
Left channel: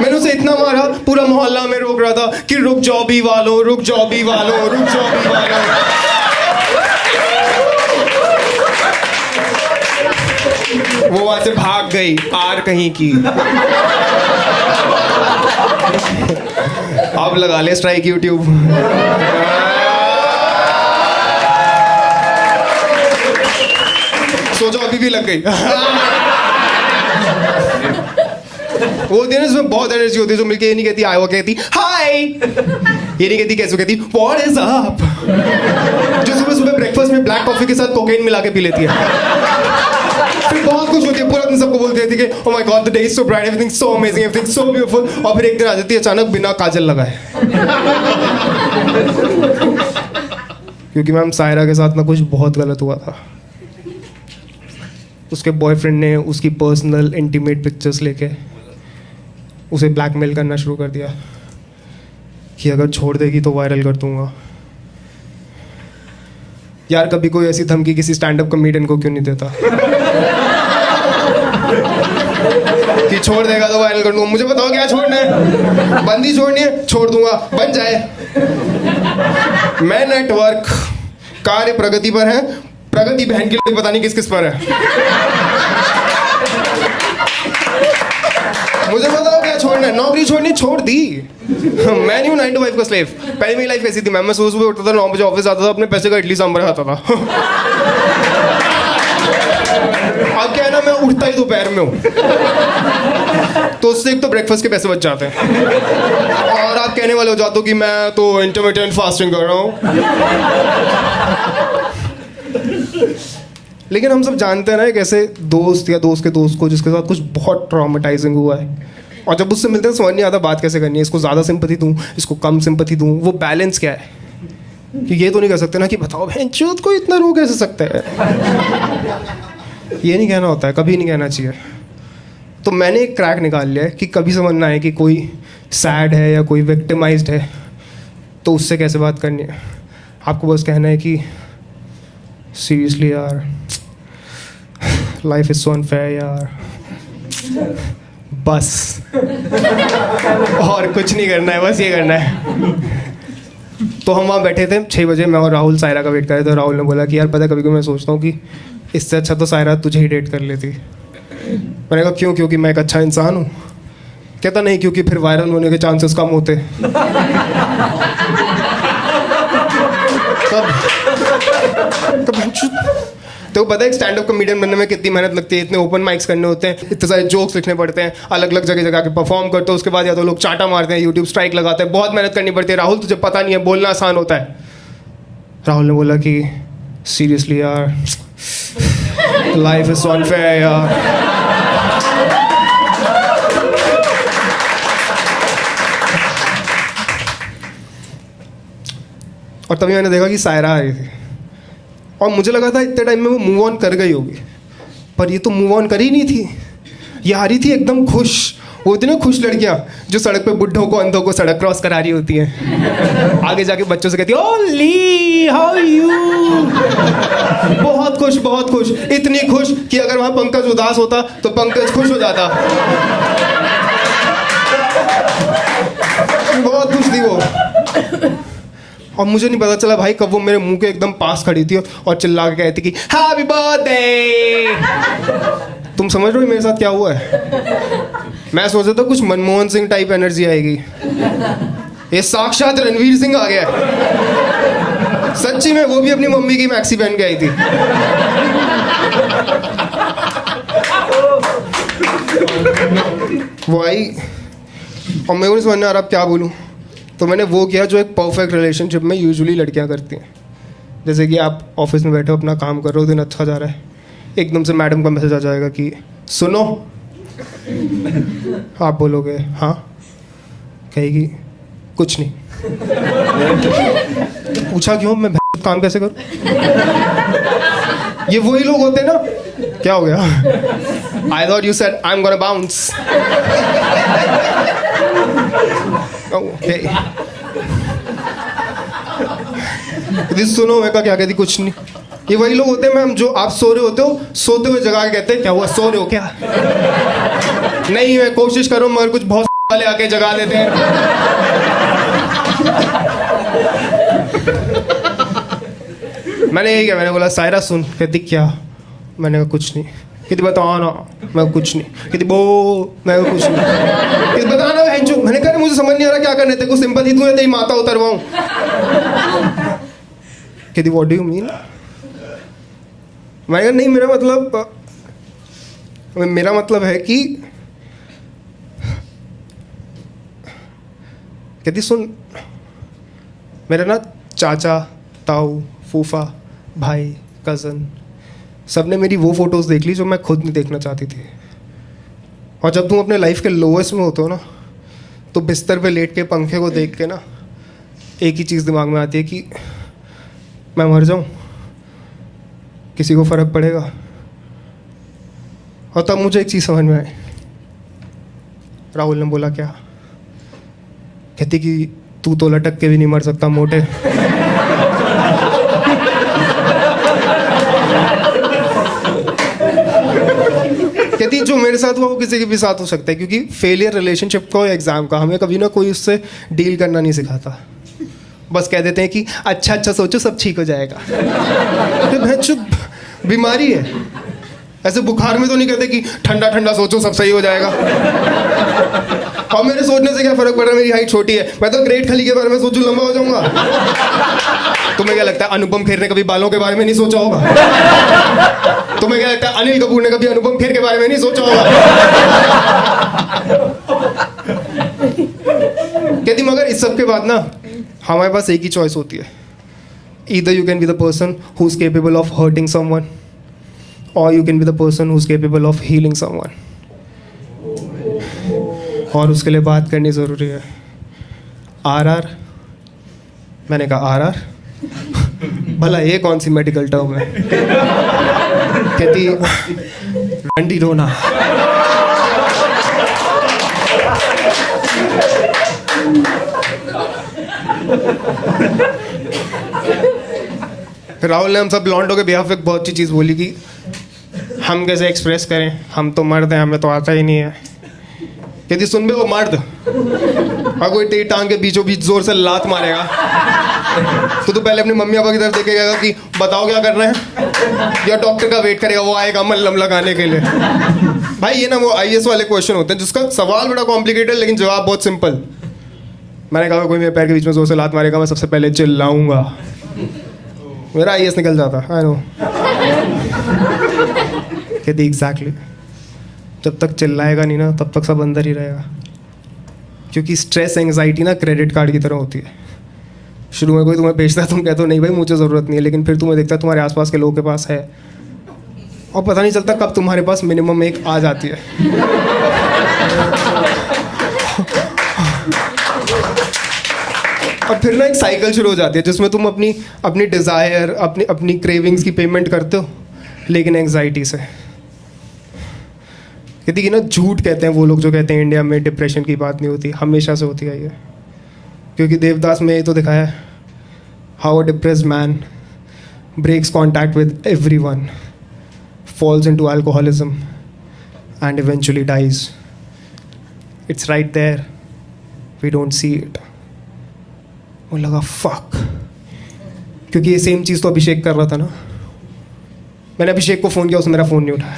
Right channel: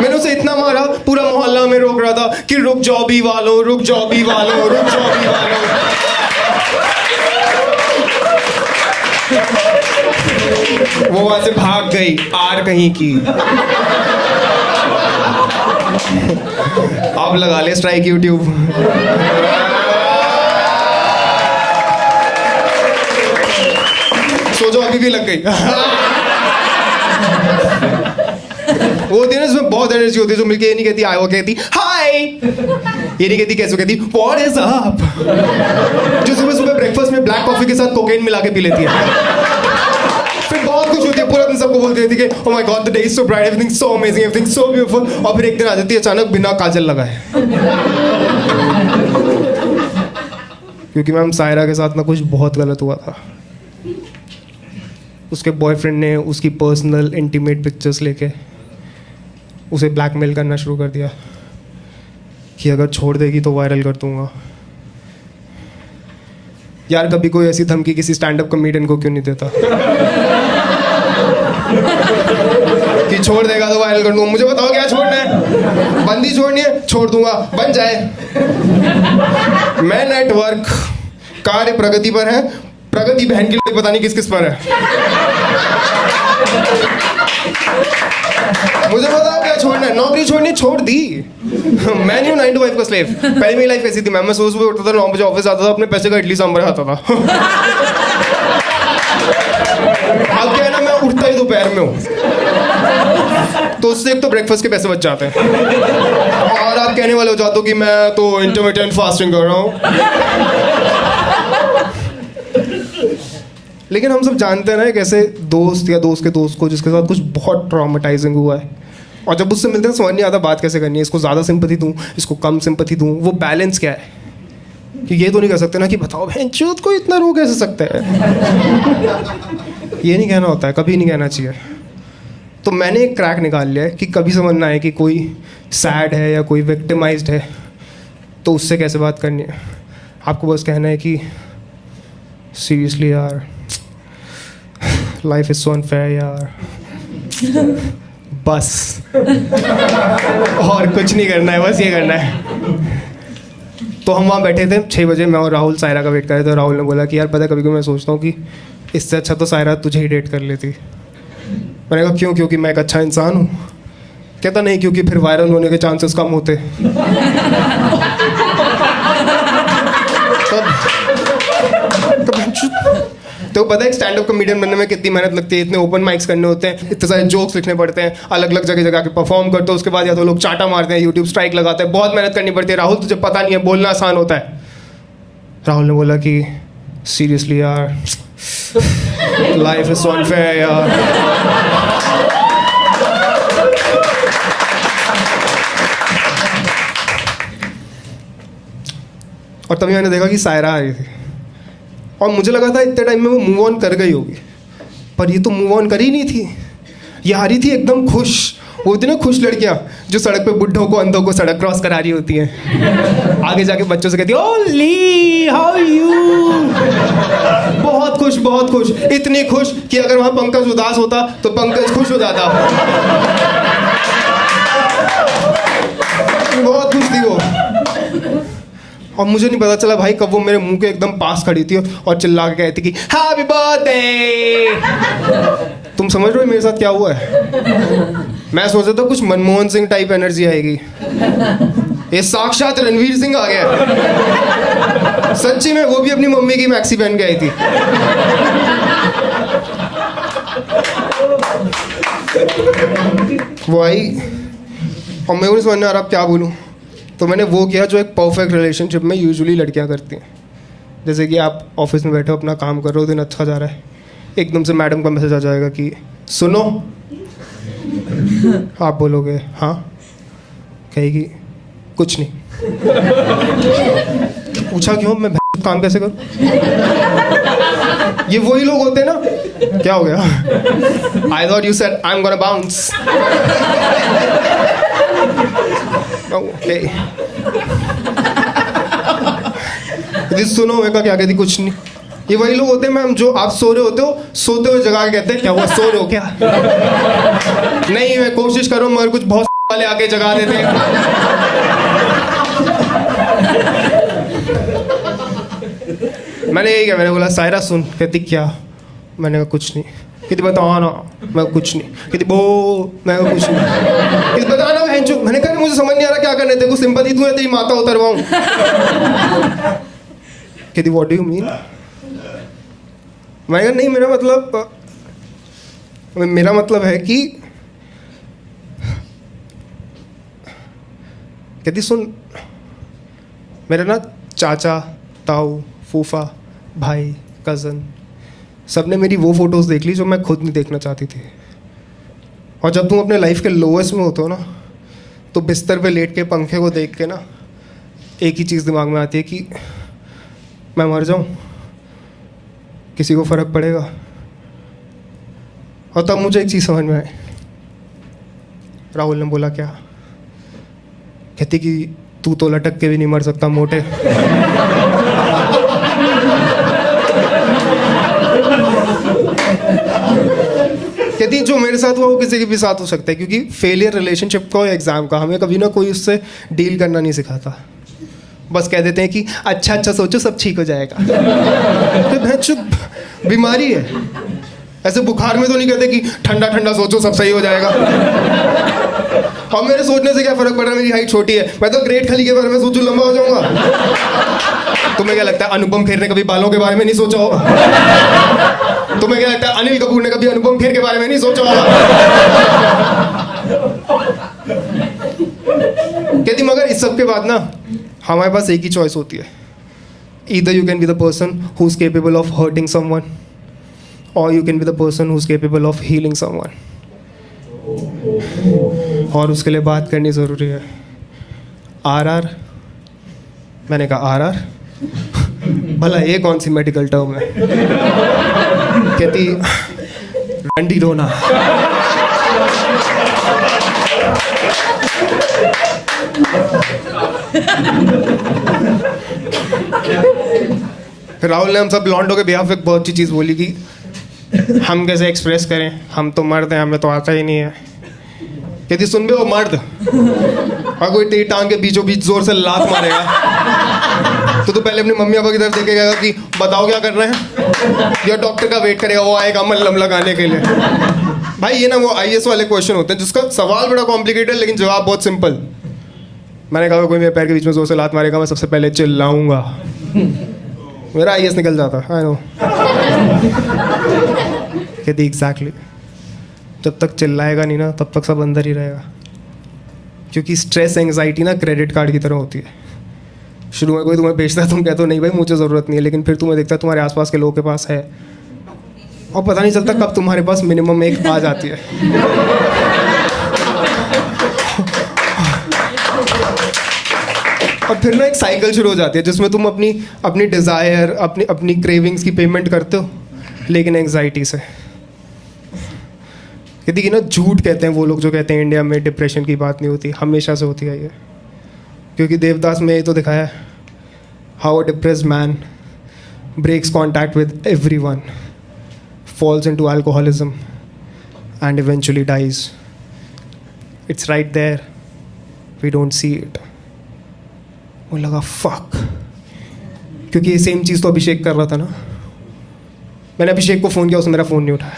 मैंने उसे इतना मारा, पूरा मोहल्ला में रोक रहा था कि रुक जाओ भी वालों, रुक जाओ भी वालों, रुक जाओ भी वालों। वो वहां से भाग गई आर कहीं की। अब लगा ले स्ट्राइक यूट्यूब। सोचो अभी भी लग गई। वो होती है ना जिसमें बहुत एनर्जी होती है, जो मिलके ये नहीं कहती हाय, वो कहती हाय, ये नहीं कहती कैसे, कहती व्हाट इज अप। जो सुबह सुबह ब्रेकफास्ट में ब्लैक कॉफी के साथ कोकेन मिला के पी लेती है, फिर बहुत खुश होती है, पूरा दिन सबको बोलती रहती है कि oh my God the day is so bright, everything so amazing, everything so beautiful. और फिर एक दिन आ जाती है अचानक बिना काजल लगाए। क्योंकि मैम सायरा के साथ ना कुछ बहुत गलत हुआ था। उसके बॉयफ्रेंड ने उसकी पर्सनल इंटीमेट पिक्चर्स लेके उसे ब्लैकमेल करना शुरू कर दिया कि अगर छोड़ देगी तो वायरल कर दूंगा। यार कभी कोई ऐसी धमकी किसी स्टैंड अप कॉमेडियन को क्यों नहीं देता कि छोड़ देगा तो वायरल कर दूंगा। मुझे बताओ क्या छोड़ना है? बंदी छोड़नी है, छोड़ दूंगा, बन जाए। मैं नेटवर्क कार्य प्रगति पर है, प्रगति बहन के लिए पता नहीं किस किस पर है। मुझे बताओ क्या छोड़ना है? नौकरी छोड़नी, छोड़ दी। मैं नहीं हूँ 9 to 5 का स्लेव। पहले मेरी लाइफ कैसी थी, मैं सुबह सुबह उठता था, 9 बजे ऑफिस आता था, अपने पैसे का इडली सांभर खाता था। अब क्या है ना, मैं उठता ही दोपहर में हूँ, तो उससे एक तो ब्रेकफास्ट के पैसे बच जाते हैं, और आप कहने वाले हो जाते हो कि मैं तो इंटरमिटेंट फास्टिंग कर रहा हूँ। लेकिन हम सब जानते हैं ना एक ऐसे दोस्त या दोस्त के दोस्त को जिसके साथ कुछ बहुत ट्रॉमेटाइजिंग हुआ है, और जब उससे मिलते हैं समझ नहीं आता बात कैसे करनी है, इसको ज़्यादा सिंपैथी दूँ, इसको कम सिंपैथी दूँ, वो बैलेंस क्या है? कि ये तो नहीं कह सकते ना कि बताओ बहनचोद को इतना रो कैसे सकते हैं। ये नहीं कहना होता है, कभी नहीं कहना चाहिए। तो मैंने एक क्रैक निकाल लिया है कि कभी समझना है कि कोई सैड है या कोई विक्टिमाइज्ड है तो उससे कैसे बात करनी है। आपको बस कहना है कि सीरियसली यार, लाइफ इज सो अनफेयर यार, बस। और कुछ नहीं करना है, बस ये करना है। तो हम वहाँ बैठे थे 6 बजे, मैं और राहुल सायरा का वेट कर रहे थे। राहुल ने बोला कि यार पता है कभी कभी मैं सोचता हूँ कि इससे अच्छा तो सायरा तुझे ही डेट कर लेती। मैंने कहा क्यों? क्योंकि मैं एक अच्छा इंसान हूँ। कहता नहीं, क्योंकि फिर वायरल होने के चांसेस कम होते। तो पता है एक स्टैंड अप कॉमेडियन बनने में कितनी मेहनत लगती है? इतने ओपन माइक्स करने होते हैं, इतने सारे जोक्स लिखने पड़ते हैं, अलग अलग जगह जगह के परफॉर्म करते हो, उसके बाद या तो लोग चाटा मारते हैं, यूट्यूब स्ट्राइक लगाते हैं, बहुत मेहनत करनी पड़ती है। राहुल तुझे पता नहीं है, बोलना आसान होता है। राहुल ने बोला कि सीरियसली यार, लाइफ इज सो अनफेयर यार। और तभी मैंने देखा कि सायरा आ रही थी, और मुझे लगा था इतने टाइम में वो मूव ऑन कर गई होगी, पर ये तो मूव ऑन कर ही नहीं थी। ये आ रही थी एकदम खुश। वो होती ना खुश लड़कियां जो सड़क पे बुड्ढों को अंधों को सड़क क्रॉस करा रही होती हैं, आगे जाके बच्चों से कहती है ओली हाउ यू। बहुत खुश, बहुत खुश, इतनी खुश कि अगर वहां पंकज उदास होता तो पंकज खुश हो जाता। बहुत खुश थी वो, और मुझे नहीं पता चला भाई कब वो मेरे मुंह के एकदम पास खड़ी थी और चिल्ला के कहती कि हैप्पी बर्थडे। तुम समझ रहे हो मेरे साथ क्या हुआ है? मैं सोचा था कुछ मनमोहन सिंह टाइप एनर्जी आएगी, ये साक्षात रणवीर सिंह आ गया। सच्ची में, वो भी अपनी मम्मी की मैक्सी पहन के आई थी। वो आई और मैं नहीं समझ में आ रहा अब क्या बोलूं। तो मैंने वो किया जो एक परफेक्ट रिलेशनशिप में यूजुअली लड़कियां करती हैं। जैसे कि आप ऑफिस में बैठे हो, अपना काम कर रहे हो, दिन अच्छा जा रहा है, एकदम से मैडम का मैसेज आ जाएगा कि सुनो। आप बोलोगे हाँ, कहेगी कुछ नहीं। पूछा क्यों? मैं काम कैसे करूं? ये वही लोग होते हैं ना। क्या हो गया? I thought you said I am gonna bounce. Okay, सुनो मैं क्या कहती? कुछ नहीं। ये वही लोग होते हैं मैम जो आप सो रहे होते हो, सोते हुए जगा के कहते हैं क्या हुआ, सो रहे हो क्या? नहीं, मैं कोशिश कर रहा हूँ मगर कुछ बहुत वाले आके जगा देते हैं। मैंने यही किया, मैंने बोला सायरा सुन। कहती क्या? मैंने कहा कुछ नहीं। कहती बता ना। मैं कुछ नहीं। कहती बो। मैं कुछ नहीं। कहती बता ना बहन चो। मैंने कहा मुझे समझ नहीं आ रहा क्या करने, तेरे को सिंपैथी दूं या तेरी माता उतरवाऊं? कहती व्हाट डू यू मीन? मैंने कहा नहीं, मेरा मतलब है कि, कहती सुन, मेरे ना चाचा, ताऊ, फूफा, भाई, कज़न सबने मेरी वो फोटोज़ देख ली जो मैं खुद नहीं देखना चाहती थी। और जब तुम अपने लाइफ के लोएस्ट में होते हो ना, तो बिस्तर पे लेट के पंखे को देख के ना एक ही चीज़ दिमाग में आती है कि मैं मर जाऊं, किसी को फ़र्क पड़ेगा? और तब मुझे एक चीज़ समझ में आई। राहुल ने बोला क्या? कहती कि तू तो लटक के भी नहीं मर सकता मोटे। कहती जो मेरे साथ हुआ वो किसी के भी साथ हो सकता है, क्योंकि फेलियर रिलेशनशिप का या एग्जाम का हमें कभी ना कोई उससे डील करना नहीं सिखाता। बस कह देते हैं कि अच्छा अच्छा सोचो सब ठीक हो जाएगा। तो बीमारी है। ऐसे बुखार में तो नहीं कहते कि ठंडा ठंडा सोचो सब सही हो जाएगा। और मेरे सोचने से क्या फर्क पड़ रहा है? मेरी हाइट छोटी है, मैं तो ग्रेट खली के बारे में सोचूं लंबा हो जाऊंगा। तुम्हें क्या लगता है अनुपम खेर ने कभी बालों के बारे में नहीं सोचा होगा? तुम्हें क्या लगता है अनिल कपूर ने कभी अनुपम खेर के बारे में नहीं सोचा होगा? कहती मगर इस सब के बाद ना हमारे पास एक ही चॉइस होती है। Either you can be the person who is capable of hurting someone, और you can be the person who is capable of healing someone. और उसके लिए बात करनी ज़रूरी है। आरआर। मैंने कहा आरआर? भला ये कौन सी मेडिकल टर्म है? कहती रंडी रोना। राहुल ने हम सब लॉन्डो के बिहाफ एक बहुत अच्छी चीज़ बोली कि हम कैसे एक्सप्रेस करें, हम तो मर्द हैं, हमें तो आता ही नहीं है। कहती सुन बे वो मर्द, और कोई तेरी टांग के बीचों बीच जोर से लात मारेगा तो पहले अपनी मम्मी पापा की तरफ देखेगा कि बताओ क्या कर रहे हैं, या डॉक्टर का वेट करेगा, वो आएगा मल्लम लगाने के लिए। भाई ये ना वो आईएएस वाले क्वेश्चन होते हैं जिसका सवाल बड़ा कॉम्प्लिकेटेड लेकिन जवाब बहुत सिंपल। मैंने कहा कोई मेरे पैर के बीच में जोर से लात मारेगा, मैं सबसे पहले चिल्लाऊंगा, मेरा आईएएस निकल जाता। I know. कहती एग्जैक्टली, जब तक चिल्लाएगा नहीं ना तब तक सब अंदर ही रहेगा। क्योंकि स्ट्रेस एंग्जाइटी ना क्रेडिट कार्ड की तरह होती है। शुरू में कोई तुम्हें बेचता है, तुम कहते हो नहीं भाई मुझे ज़रूरत नहीं है, लेकिन फिर तुम्हें देखता है तुम्हारे आसपास के लोगों के पास है, और पता नहीं चलता कब तुम्हारे पास मिनिमम एक आ जाती है। और फिर ना एक साइकिल शुरू हो जाती है जिसमें तुम अपनी डिज़ायर, अपनी क्रेविंग्स की पेमेंट करते हो, लेकिन एंग्जाइटी से। कहती कि ना झूठ कहते हैं वो लोग जो कहते हैं इंडिया में डिप्रेशन की बात नहीं होती, हमेशा से होती है ये। क्योंकि देवदास में ये तो दिखाया है, how a depressed man breaks contact with everyone, falls into alcoholism and eventually dies. It's right there. We don't see it. मुझे लगा fuck, क्योंकि ये सेम चीज़ तो अभिषेक कर रहा था ना। मैंने अभिषेक को फ़ोन किया, उसने मेरा फ़ोन नहीं उठाया।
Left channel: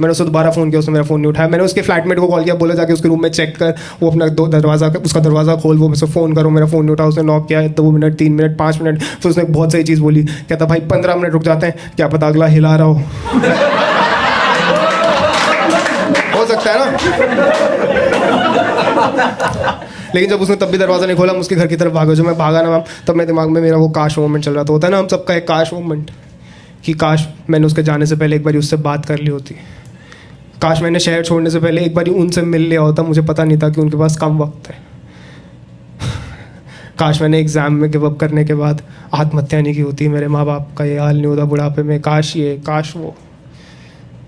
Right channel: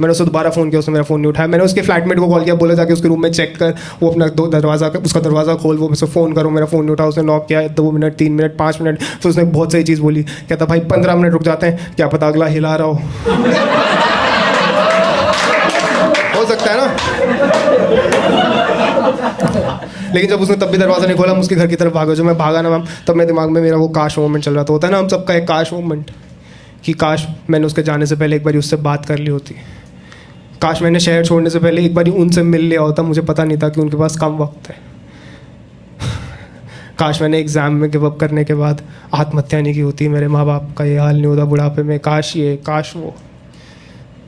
मैंने उसको दोबारा फ़ोन किया, उसने मेरा फ़ोन नहीं उठाया। मैंने उसके फ्लैटमेट को कॉल किया, बोला जाके उसके रूम में चेक कर, वो अपना उसका दरवाज़ा खोल, वो मुझसे फ़ोन करो, मेरा फ़ोन नहीं उठा। उसने नॉक किया 2 मिनट, 3 मिनट, 5 मिनट, फिर उसने बहुत सही चीज़ बोली। कहता भाई 15 मिनट रुक जाते हैं, क्या पता अगला हिला रहा हो सकता है ना। लेकिन जब उसने तब भी दरवाज़ा नहीं खोला, हम उसके घर की तरफ भागा। जो मैं भागा ना मैम, तब मेरे दिमाग में मेरा वो काश मोमेंट चल रहा था। होता है ना हम सबका एक काश मोमेंट, कि काश मैंने उसके जाने से पहले एक बार उससे बात कर ली होती, काश मैंने शहर छोड़ने से पहले एक बार उनसे मिल लिया होता, मुझे पता नहीं था कि उनके पास कम वक्त है। काश मैंने एग्ज़ाम में गिव अप करने के बाद आत्महत्या नहीं की होती, मेरे माँ बाप का ये हाल नहीं होता बुढ़ापे में, काश ये काश वो।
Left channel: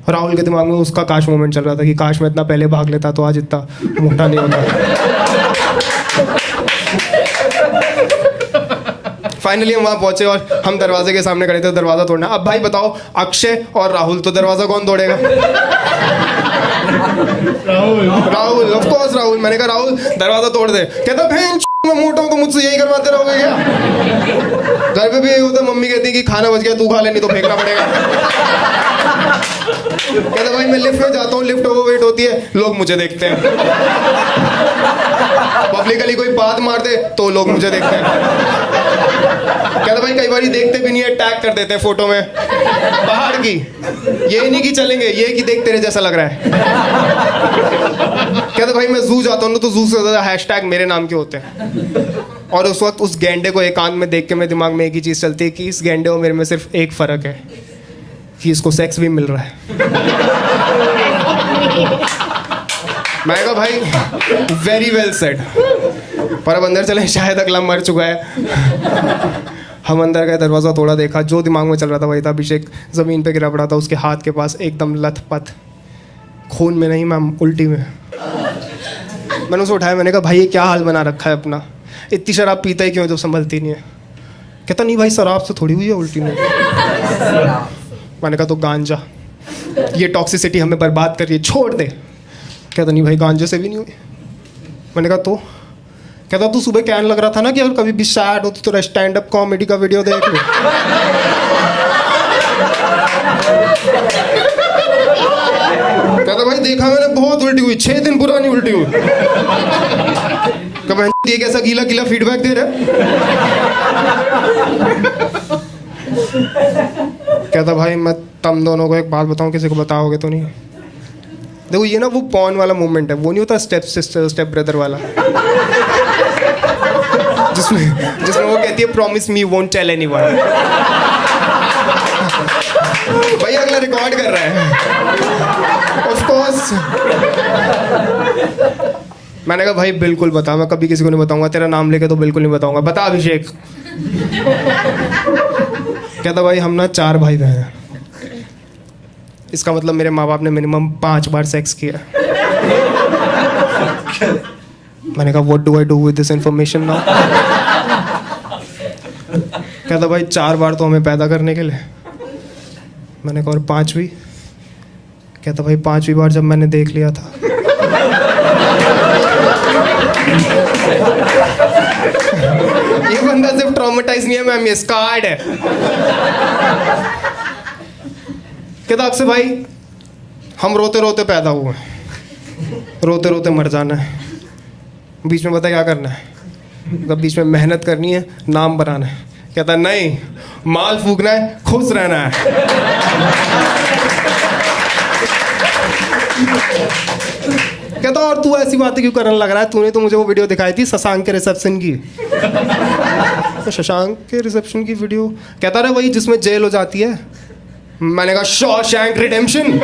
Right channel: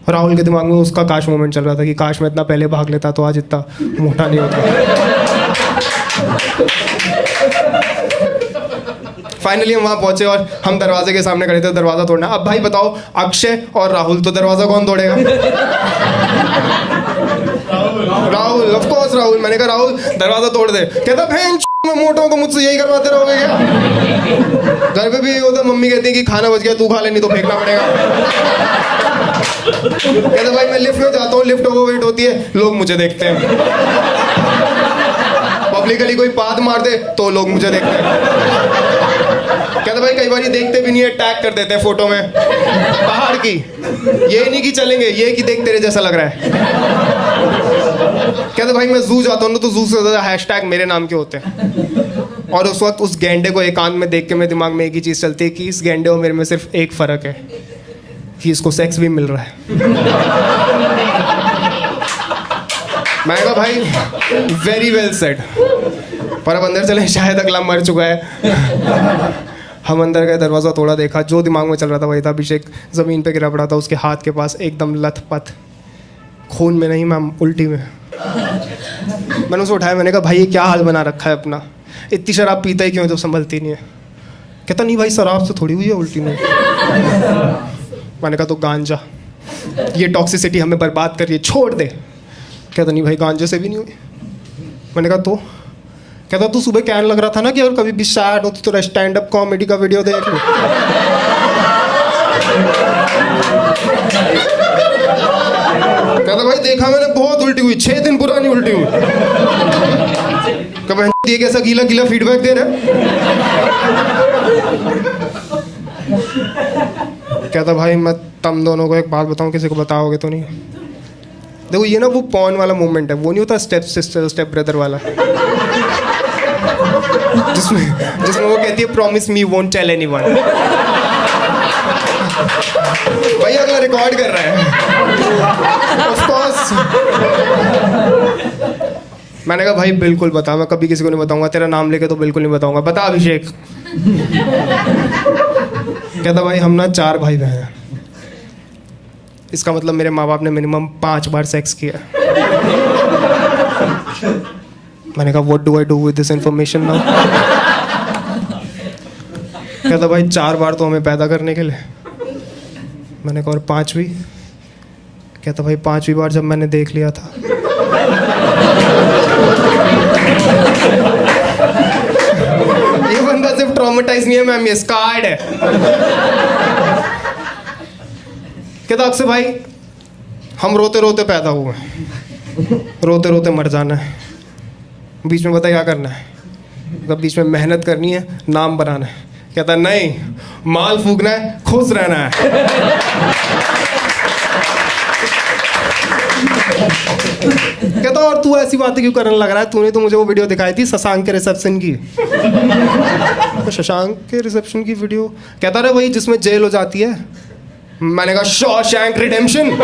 राहुल के दिमाग में उसका काश मोमेंट चल रहा था कि काश मैं इतना पहले भाग लेता तो आज इतना मोटा नहीं होता। फाइनली हम वहाँ पहुँचे और हम दरवाजे के सामने खड़े थे, दरवाज़ा तोड़ना। अब भाई बताओ, अक्षय और राहुल, तो दरवाज़ा कौन तोड़ेगा? राहुल। Rahul, of course Rahul. मैंने कहा राहुल दरवाजा तोड़ दे। कहता बहन मैं मोटा हूं तो मुझसे यही करवाते रहोगे क्या? घर पे भी यही होता, मम्मी कहती है कि खाना बच गया तू खा ले नहीं तो फेंकना पड़ेगा। कहता भाई मैं लिफ्ट में जाता हूँ, लिफ्ट ओवरवेट होती है, लोग मुझे देखते हैं। पब्लिकली कोई बात मार दे तो लोग मुझे देखते हैं। कहता भाई कई बार देखते भी नहीं है, टैग कर देते हैं फोटो में पहाड़ की। ये नहीं कि चलेंगे, ये कि देख तेरे जैसा लग रहा है। कहता भाई मैं जू जाता हूँ ना तो जू से ज्यादा हैशटैग मेरे नाम के होते हैं। और उस वक्त उस गैंडे को एकांत में देख के मेरे दिमाग में एक ही चीज़ चलती है कि इस गैंडे और मेरे में सिर्फ एक फ़र्क है कि इसको सेक्स भी मिल रहा है। मैं कहा भाई वेरी वेल सेड। पर अब अंदर चले, शायद अगला मर चुका है। हम अंदर गए, दरवाज़ा तोड़ा, देखा जो दिमाग में चल रहा था वही था। अभिषेक ज़मीन पे गिरा पड़ा था, उसके हाथ के पास एकदम लथपथ, खून में नहीं मैम उल्टी में। मैंने उसे उठाया, मैंने कहा भाई ये क्या हाल बना रखा है अपना, इतनी शराब पीता ही क्यों है जो संभलती नहीं है? कहता नहीं भाई शराब से थोड़ी हुई है उल्टी में। मैंने कहा तो गांजा, ये टॉक्सिसिटी हमें बर्बाद कर रही है, छोड़ दे। कहता नहीं भाई गांजे से भी नहीं हुई। मैंने कहा तो? कहता तू सुबह कहने लग रहा था ना कि अगर कभी भी सैड हो तो तेरा स्टैंड अप कॉमेडी का वीडियो देख लो। कहता भाई देखा मैंने, बहुत उल्टी हुई, 6 दिन पुरानी उल्टी हुई। कब ये कैसा गीला गीला फीडबैक दे रहा है? कहता भाई मैं तुम दोनों को एक बात बताऊं, किसी को बताओगे तो नहीं? देखो ये ना वो पॉन वाला मोमेंट है, वो नहीं होता स्टेप सिस्टर स्टेप ब्रदर वाला, जिसमें वो कहती है promise me won't tell anyone. भाई अगला रिकॉर्ड कर रहा है ऑफ कोर्स। मैंने कहा भाई बिल्कुल बता, मैं कभी किसी को नहीं बताऊंगा, तेरा नाम लेके तो बिल्कुल नहीं बताऊंगा, बता अभिषेक। कहता भाई हम ना 4 भाई बहन हैं, इसका मतलब मेरे माँ बाप ने मिनिमम 5 बार सेक्स किया। मैंने कहा what do I do with this information now? कहता भाई 4 बार तो हमें पैदा करने के लिए। मैंने कहा और 5वीं? कहता भाई 5वीं बार जब मैंने देख लिया था। ये बंदा सिर्फ ट्रॉमेटाइज नहीं है मैम, ये स्कार्ड है। कहता अक्सर भाई हम रोते रोते पैदा हुए, रोते रोते मर जाना है, बीच में बता क्या करना है? कब बीच में मेहनत करनी है, नाम बनाना है। कहता नहीं, माल फूकना है, खुश रहना है। कहता और तू ऐसी बातें क्यों करने लग रहा है? तूने तो मुझे वो वीडियो दिखाई थी शशांक के रिसेप्शन की। तो शशांक के रिसेप्शन की वीडियो? कहता रहे वही जिसमें जेल हो जाती है। मैंने कहा शॉशैंक रिडेम्पशन।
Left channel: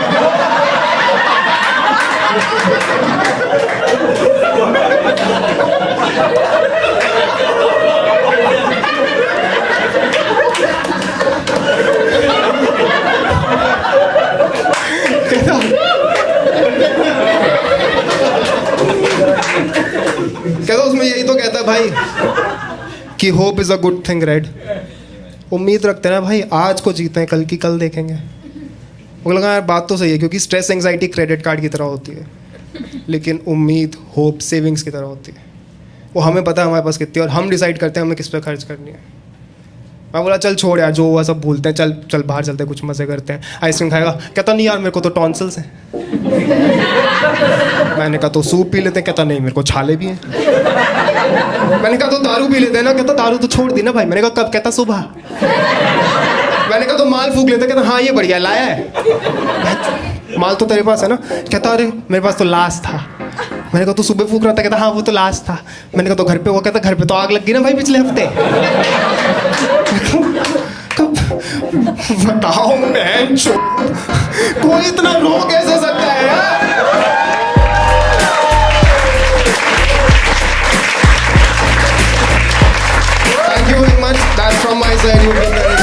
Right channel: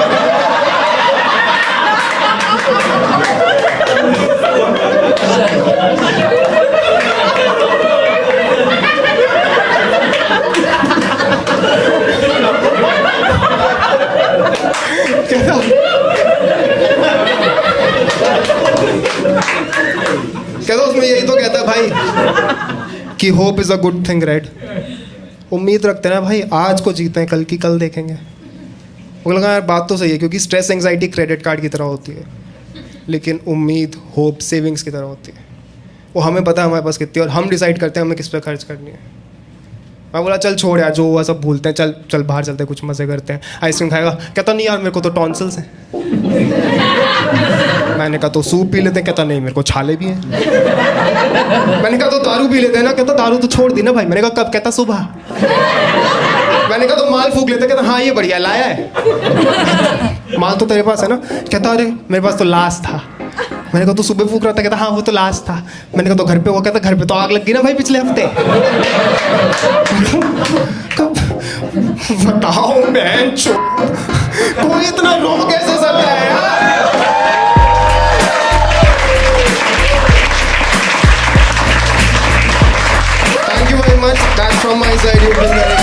कहता उसमें यही तो कहता है भाई कि hope is a good thing, right? उम्मीद रखते हैं ना भाई, आज को जीते हैं, कल की कल देखेंगे। वो लगा यार बात तो सही है, क्योंकि स्ट्रेस एंग्जाइटी क्रेडिट कार्ड की तरह होती है, लेकिन उम्मीद होप सेविंग्स की तरह होती है। वो हमें पता है हमारे पास कितनी, और हम डिसाइड करते हैं हमें किस पे खर्च करनी है। मैं बोला चल छोड़ यार, जो हुआ सब भूलते हैं, चल चल बाहर चलते हैं, कुछ मज़े करते हैं, आइसक्रीम खाएगा। कहता नहीं यार मेरे को तो टॉन्सिल्स हैं। मैंने कहा तो सूप पी लेते हैं। कहता नहीं मेरे को छाले भी हैं। मैंने कहा तो दारू पी लेते हैं ना। कहता दारू तो छोड़ दी ना भाई। मैंने कहा कब? कहता सुबह। मैंने कहा तो माल फूक लेते। कहता हाँ ये बढ़िया लाया है। माल तो तेरे पास है ना? कहता अरे मेरे पास तो लाश था। मैंने कहा तो सुबह फूक रहा था। कहता हाँ वो तो लाश था। मैंने कहा तो घर पे हुआ? कहता घर पे तो आग लग गई ना भाई पिछले हफ्ते। बताओ बहन कोई इतना रो कैसे सकता है यार? Thank you very much. That's from my side. You've been very